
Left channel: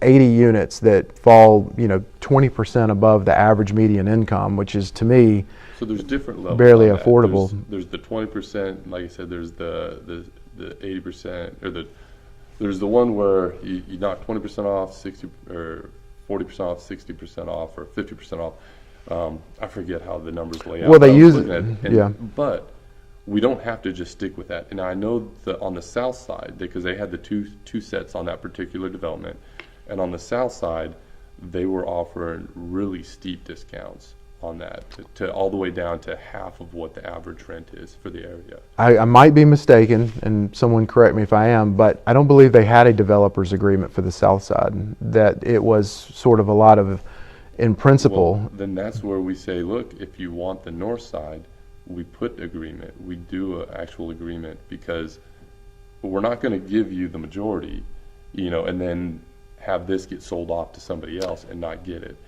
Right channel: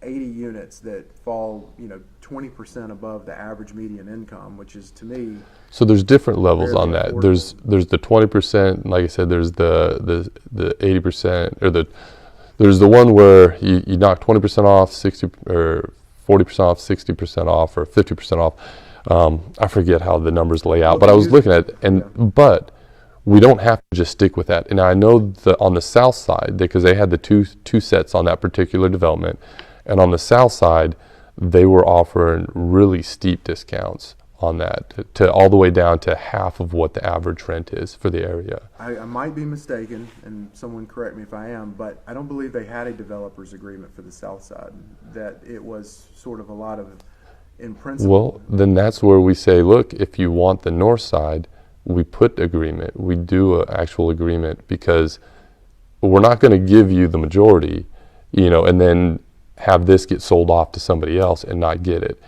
80 units that fall, you know, 20% above the average median income, which is, to me, so there's different levels barely on that. affordable. There's the 20%, like I said, there's the 80%, or there's the one where you knock 20% off, 60 or 40% off, 60% off, or 50% off. I forget how the numbers lay out, but I was looking at it, but we don't have to just stick with that. And I know on the south side, because they had the two sets on that particular development, and on the south side, they were offering really steep discounts on that, to all the way down to half of what the average rent is for the area. I might be mistaken, and someone correct me if I am, but I don't believe they had a developer's agreement for the south side, that it was sort of a lot of, in principle. Well, then that's where we say, look, if you want the north side, we put agreement, we do an actual agreement, because we're not going to give you the majority, you know, and then have this get sold off to somebody else and not get it.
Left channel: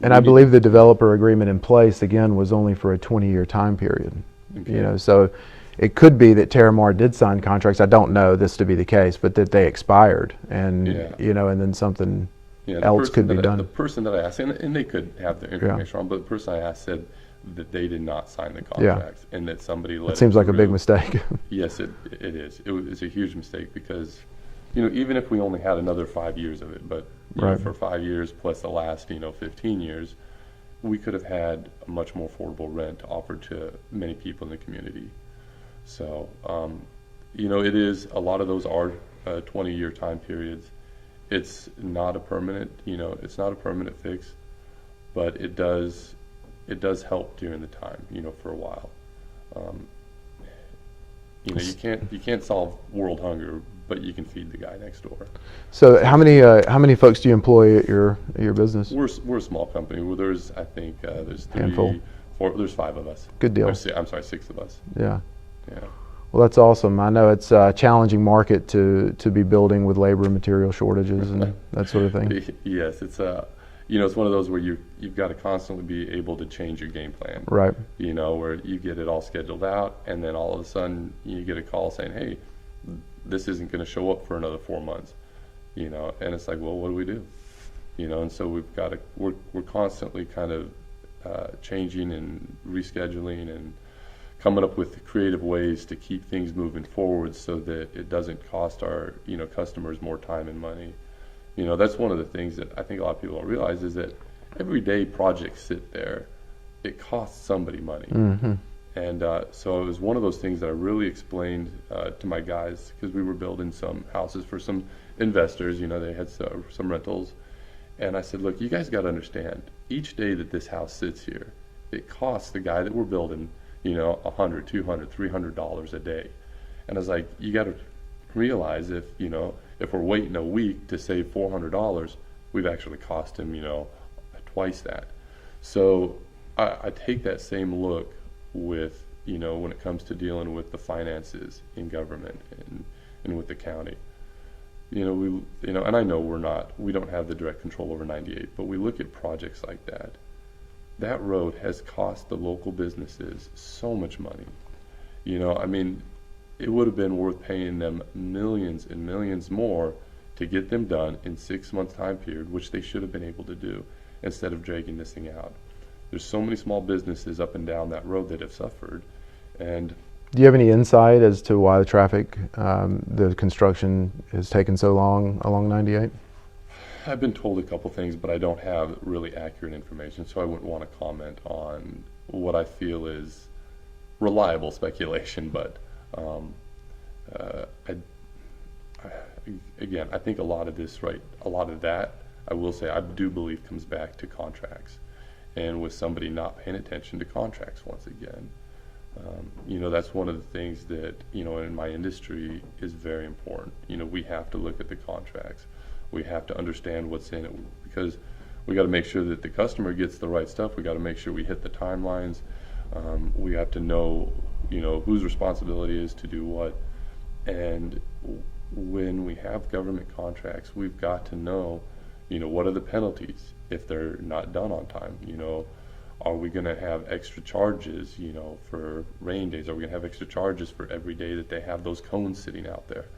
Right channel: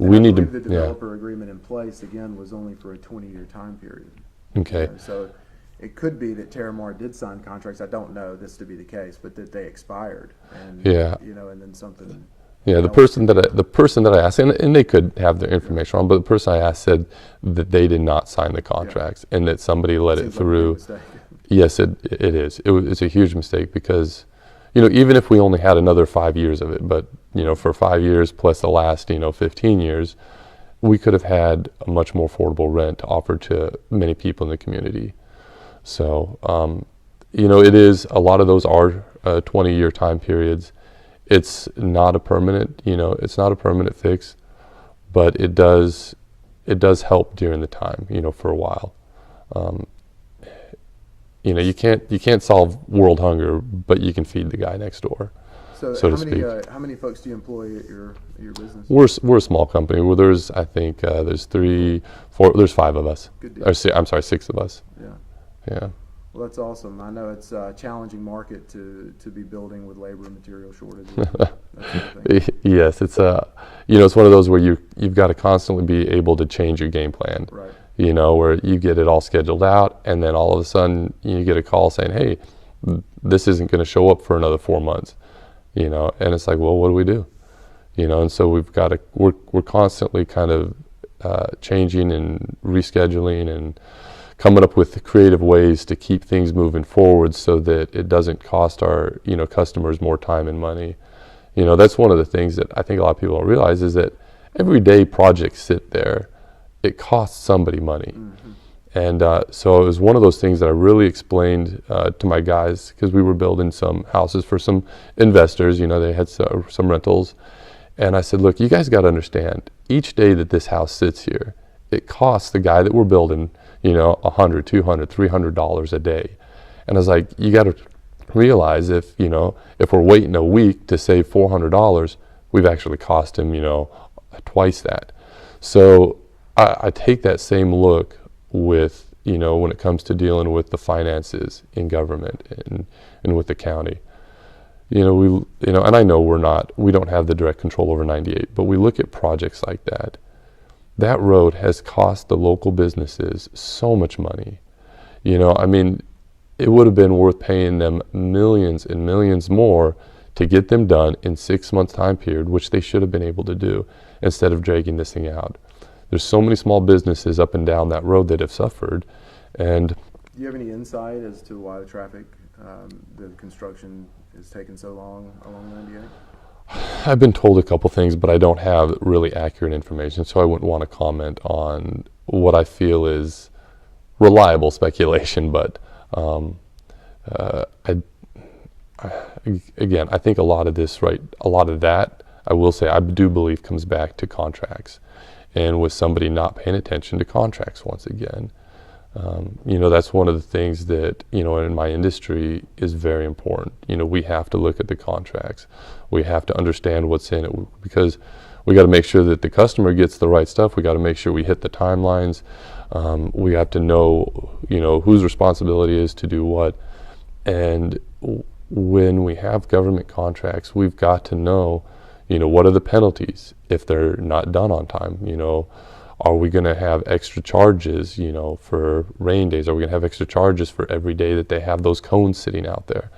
And I believe the developer agreement in place, again, was only for a 20-year time period. Okay. You know, so it could be that Terramar did sign contracts. I don't know this to be the case, but that they expired, and you know, and then something. Yeah, the person that I asked, and they could have their information wrong, but the person I asked said that they did not sign the contracts, and that somebody let it through. Seems like a big mistake. Yes, it is. It's a huge mistake, because, you know, even if we only had another 5 years of it, but you know, for 5 years plus the last, you know, 15 years, we could have had a much more affordable rent to offer to many people in the community. So, you know, it is, a lot of those are 20-year time periods. It's not a permanent, you know, it's not a permanent fix, but it does help during the time, you know, for a while. You know, you can't solve world hunger, but you can feed the guy next door. So so how to many speak. how many folks do you employ at your business? We're a small company. Well, there's I think there's Handful. there's 5 of us. Good deal. Or I'm sorry, 6 of us. Yeah. Yeah. Well, that's awesome. I know it's a challenging market to be building with labor and material shortages and that sort of thing. Yes, it's you know, it's one of those where you've got to constantly be able to change your game plan. Right. You know, where you get it all scheduled out, and then all of a sudden you get a call saying, "Hey, this isn't going to show up for another 4 months." You know, and it's like, well, what do we do? You know, and so we've got to we're constantly kind of changing and rescheduling and coming up with creative ways to keep things moving forward so that it doesn't cost our, you know, customers more time and money. You know, that's one of the things that I think a lot of people don't realize is that every day projects sit there, it costs somebody money. Mm-hmm. And so it was one of those things that I really explained to my guys, because we were building some houses for some investors. You know, they had some rentals. And I said, look, you guys got to understand, each day that this house sits here, it costs the guy that we're building, you know, $100, $200, $300 a day. And I was like, you got to realize if we're waiting a week to save $400, we've actually cost him, you know, twice that. So I take that same look with, you know, when it comes to dealing with the finances in government and with the county. You know, and I know we don't have the direct control over 98, but we look at projects like that. That road has cost the local businesses so much money. You know, I mean, it would have been worth paying them millions and millions more to get them done in 6 months time period, which they should have been able to do, instead of dragging this thing out. There's so many small businesses up and down that road that have suffered. And do you have any insight as to why the construction has taken so long along 98? I've been told a couple things, but I don't have really accurate information, so I wouldn't want to comment on what I feel is reliable speculation. But again, I think a lot of that, I will say, I do believe comes back to contracts, and with somebody not paying attention to contracts once again. You know, that's one of the things that, you know, in my industry is very important. You know, we have to look at the contracts. We have to understand what's in it, because we got to make sure that the customer gets the right stuff. We got to make sure we hit the timelines. We have to know, you know, whose responsibility is to do what. And when we have government contracts, we've got to know, you know, what are the penalties if they're not done on time. You know, are we going to have extra charges, you know, for rain days? Are we going to have extra charges for every day that they have those cones sitting out there?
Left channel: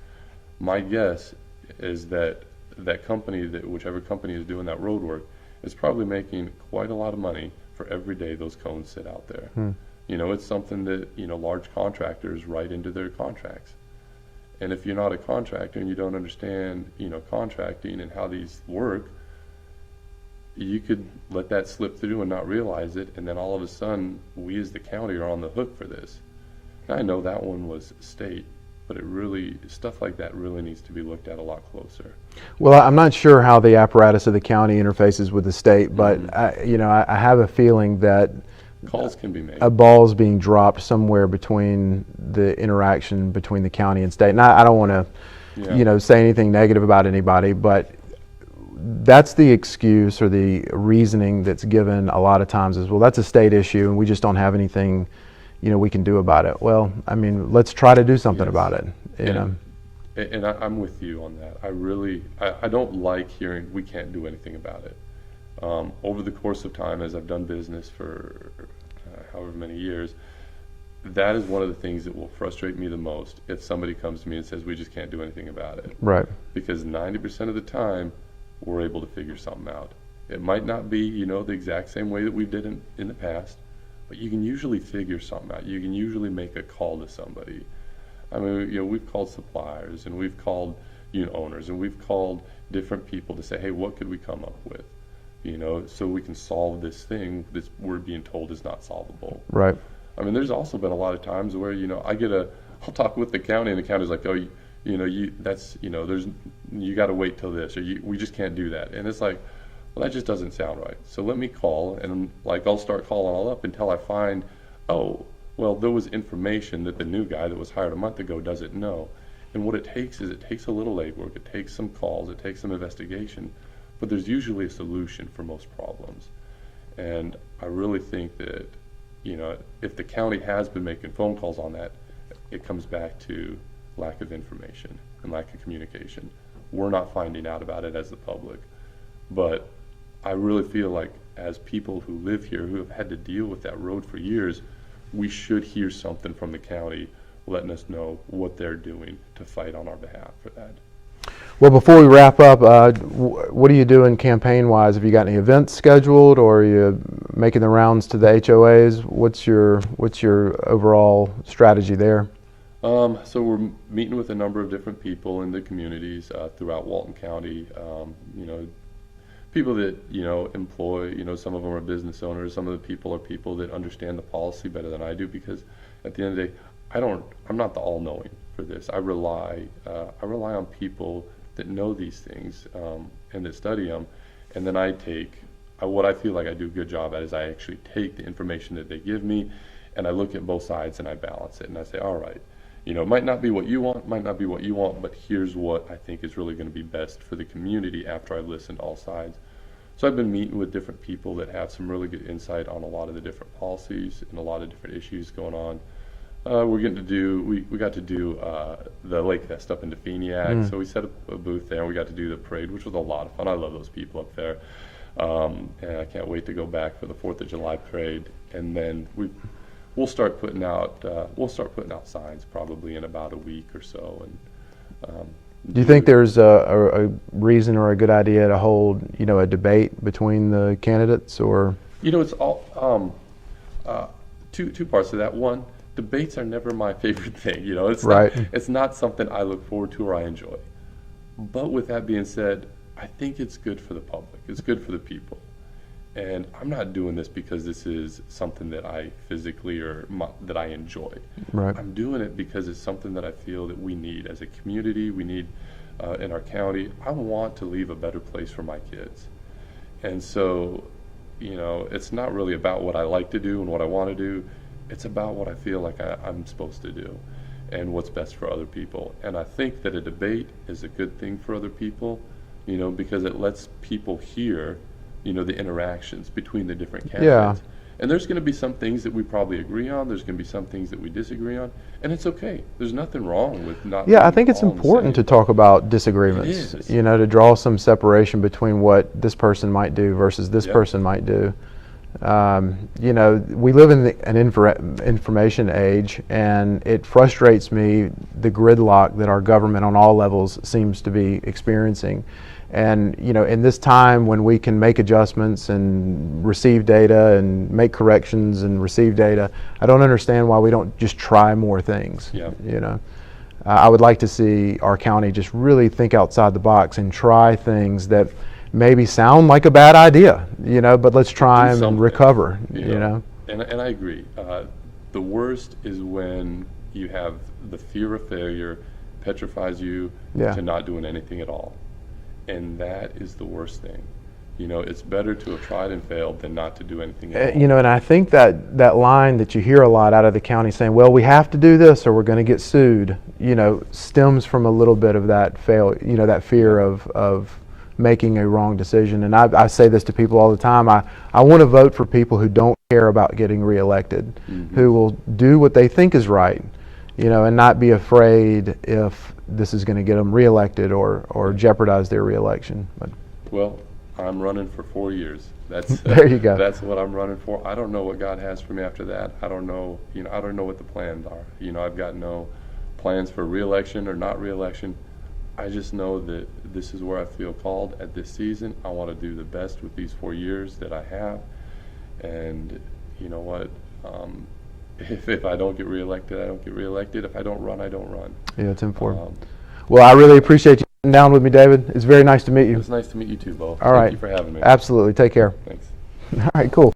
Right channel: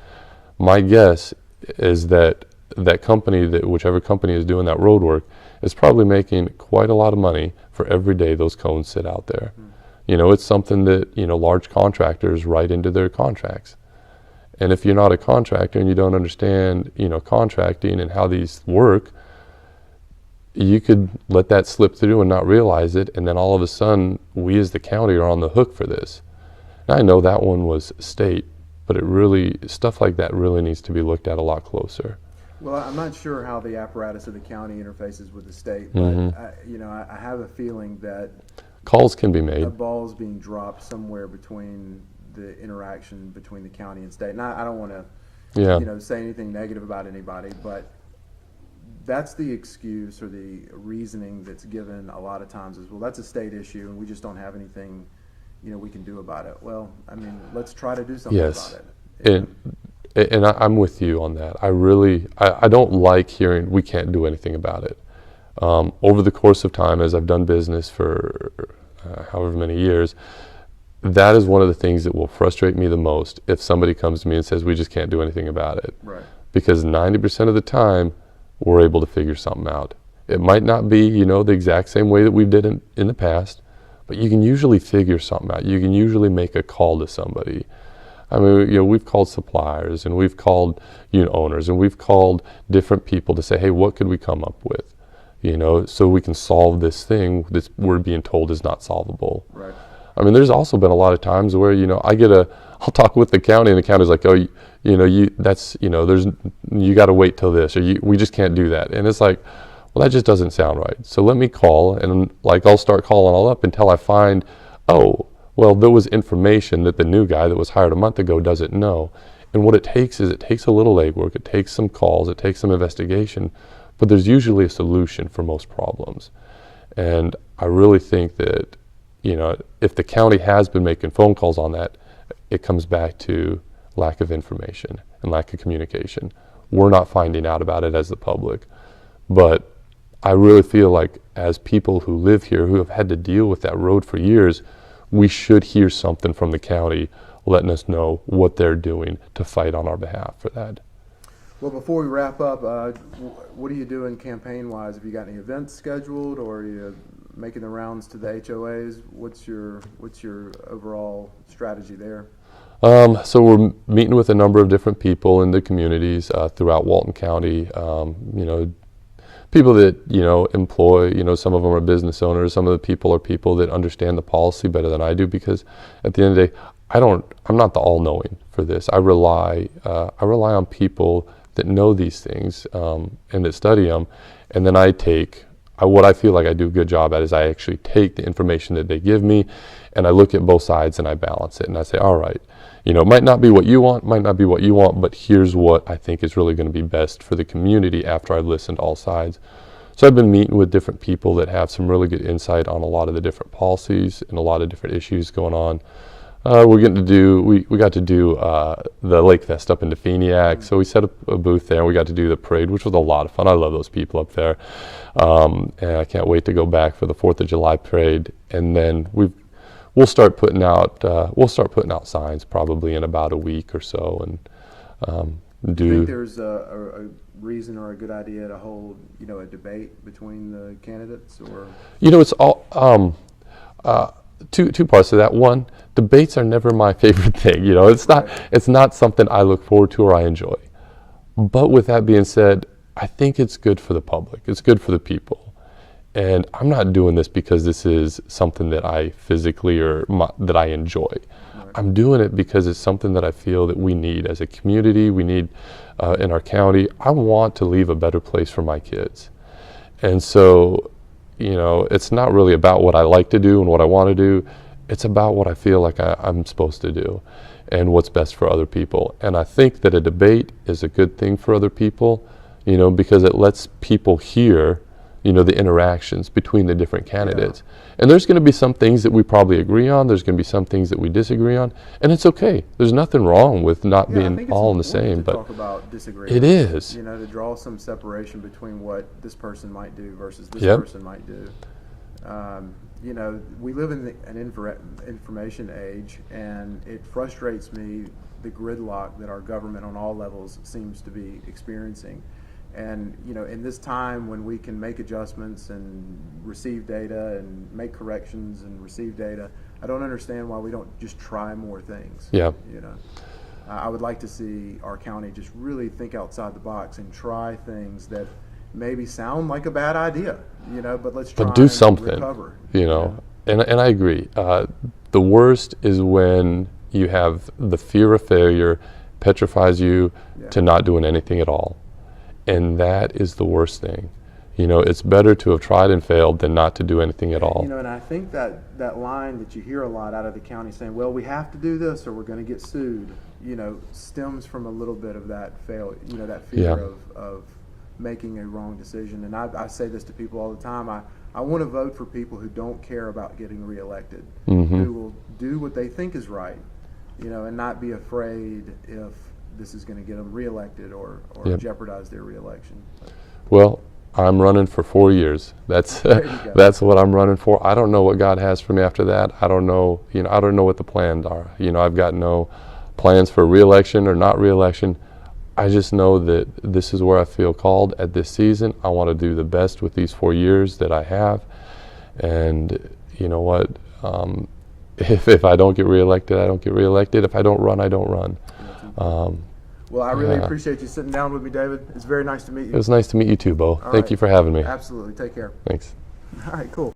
My guess is that whichever company is doing that road work is probably making quite a lot of money for every day those cones sit out there. You know, it's something that, you know, large contractors write into their contracts. And if you're not a contractor and you don't understand, you know, contracting and how these work, you could let that slip through and not realize it, and then all of a sudden, we as the county are on the hook for this. And I know that one was state, but stuff like that really needs to be looked at a lot closer. Well, I'm not sure how the apparatus of the county interfaces with the state, but I have a feeling that calls can be made. A ball's being dropped somewhere between the interaction between the county and state. And I don't want to, say anything negative about anybody, but that's the excuse or the reasoning that's given a lot of times is, well, that's a state issue and we just don't have anything, we can do about it. Well, I mean, let's try to do something about it. And I'm with you on that. I don't like hearing we can't do anything about it. Over the course of time, as I've done business for however many years, that is one of the things that will frustrate me the most if somebody comes to me and says we just can't do anything about it. Right. Because 90% of the time, we're able to figure something out. It might not be, the exact same way that we did in the past, but you can usually figure something out. You can usually make a call to somebody. I mean, we've called suppliers and we've called owners and we've called different people to say, hey, what could we come up with? So we can solve this thing that we're being told is not solvable. Right. I mean, there's also been a lot of times where, I'll talk with the county and the county's like, oh, you got to wait till this, or we just can't do that. And it's like, well, that just doesn't sound right. So let me call and I'll start calling all up until I find, oh, Well, there was information that the new guy that was hired a month ago doesn't know. And what it takes is, it takes a little legwork, it takes some calls, it takes some investigation, but there's usually a solution for most problems. And I really think that, you know, if the county has been making phone calls on that, it comes back to lack of information and lack of communication. We're not finding out about it as the public. But I really feel like, as people who live here, who have had to deal with that road for years, we should hear something from the county letting us know what they're doing to fight on our behalf for that. Well, before we wrap up, what are you doing campaign-wise? Have you got any events scheduled, or are you making the rounds to the HOAs? What's your overall strategy there? So we're meeting with a number of different people in the communities throughout Walton County. You know, people that, you know, employ, you know, some of them are business owners, some of the people are people that understand the policy better than I do, because at the end of the day, I'm not the all-knowing for this. I rely on people that know these things and that study them, and then what I feel like I do a good job at is I actually take the information that they give me, and I look at both sides and I balance it, and I say, all right, you know, it might not be what you want, but here's what I think is really going to be best for the community after I've listened to all sides. So I've been meeting with different people that have some really good insight on a lot of the different policies and a lot of different issues going on. We got to do the Lake Fest up in Defeniak, so we set up a booth there, and we got to do the parade, which was a lot of fun. I love those people up there, and I can't wait to go back for the 4th of July parade. And then we'll start putting out signs probably in about a week or so. And do you think there's a reason or a good idea to hold, you know, a debate between the candidates, or? You know, it's all two parts of that. One, debates are never my favorite thing. You know, it's not something I look forward to or I enjoy. But with that being said, I think it's good for the public. It's good for the people. And I'm not doing this because this is something that I physically that I enjoy. Right. I'm doing it because it's something that I feel that we need as a community, we need in our county. I want to leave a better place for my kids. And so, you know, it's not really about what I like to do and what I want to do. It's about what I feel like I'm supposed to do and what's best for other people. And I think that a debate is a good thing for other people, you know, because it lets people hear, you know, the interactions between the different candidates. Yeah. And there's going to be some things that we probably agree on. There's going to be some things that we disagree on, and it's okay. There's nothing wrong with not being all on the same. Yeah, I think it's important to talk about disagreements. It is. You know, to draw some separation between what this person might do versus this person might do. You know, we live in an information age, and it frustrates me, the gridlock that our government on all levels seems to be experiencing. And, you know, in this time when we can make adjustments and receive data and make corrections and receive data, I don't understand why we don't just try more things. Yeah. You know, I would like to see our county just really think outside the box and try things that maybe sound like a bad idea, you know, but let's try and recover. You know? And I agree. The worst is when you have the fear of failure petrifies you to not doing anything at all. And that is the worst thing. You know, it's better to have tried and failed than not to do anything at all. You know, and I think that line that you hear a lot out of the county saying, well, we have to do this or we're going to get sued, you know, stems from a little bit of that that fear of making a wrong decision. And I say this to people all the time. I want to vote for people who don't care about getting reelected, who will do what they think is right, you know, and not be afraid if this is going to get them reelected or jeopardize their reelection. Well, I'm running for 4 years. That's there you go. That's what I'm running for. I don't know what God has for me after that. I don't know. You know, I don't know what the plans are. You know, I've got no plans for reelection or not reelection. I just know that this is where I feel called at this season. I want to do the best with these 4 years that I have, and you know what? If I don't get reelected, I don't get reelected. If I don't run, I don't run. Yeah, it's important. Well, I really appreciate you sitting down with me, David. It's very nice to meet you. It was nice to meet you too, Bo. All Thank you for having me. Absolutely. Take care. Thanks. All right, cool.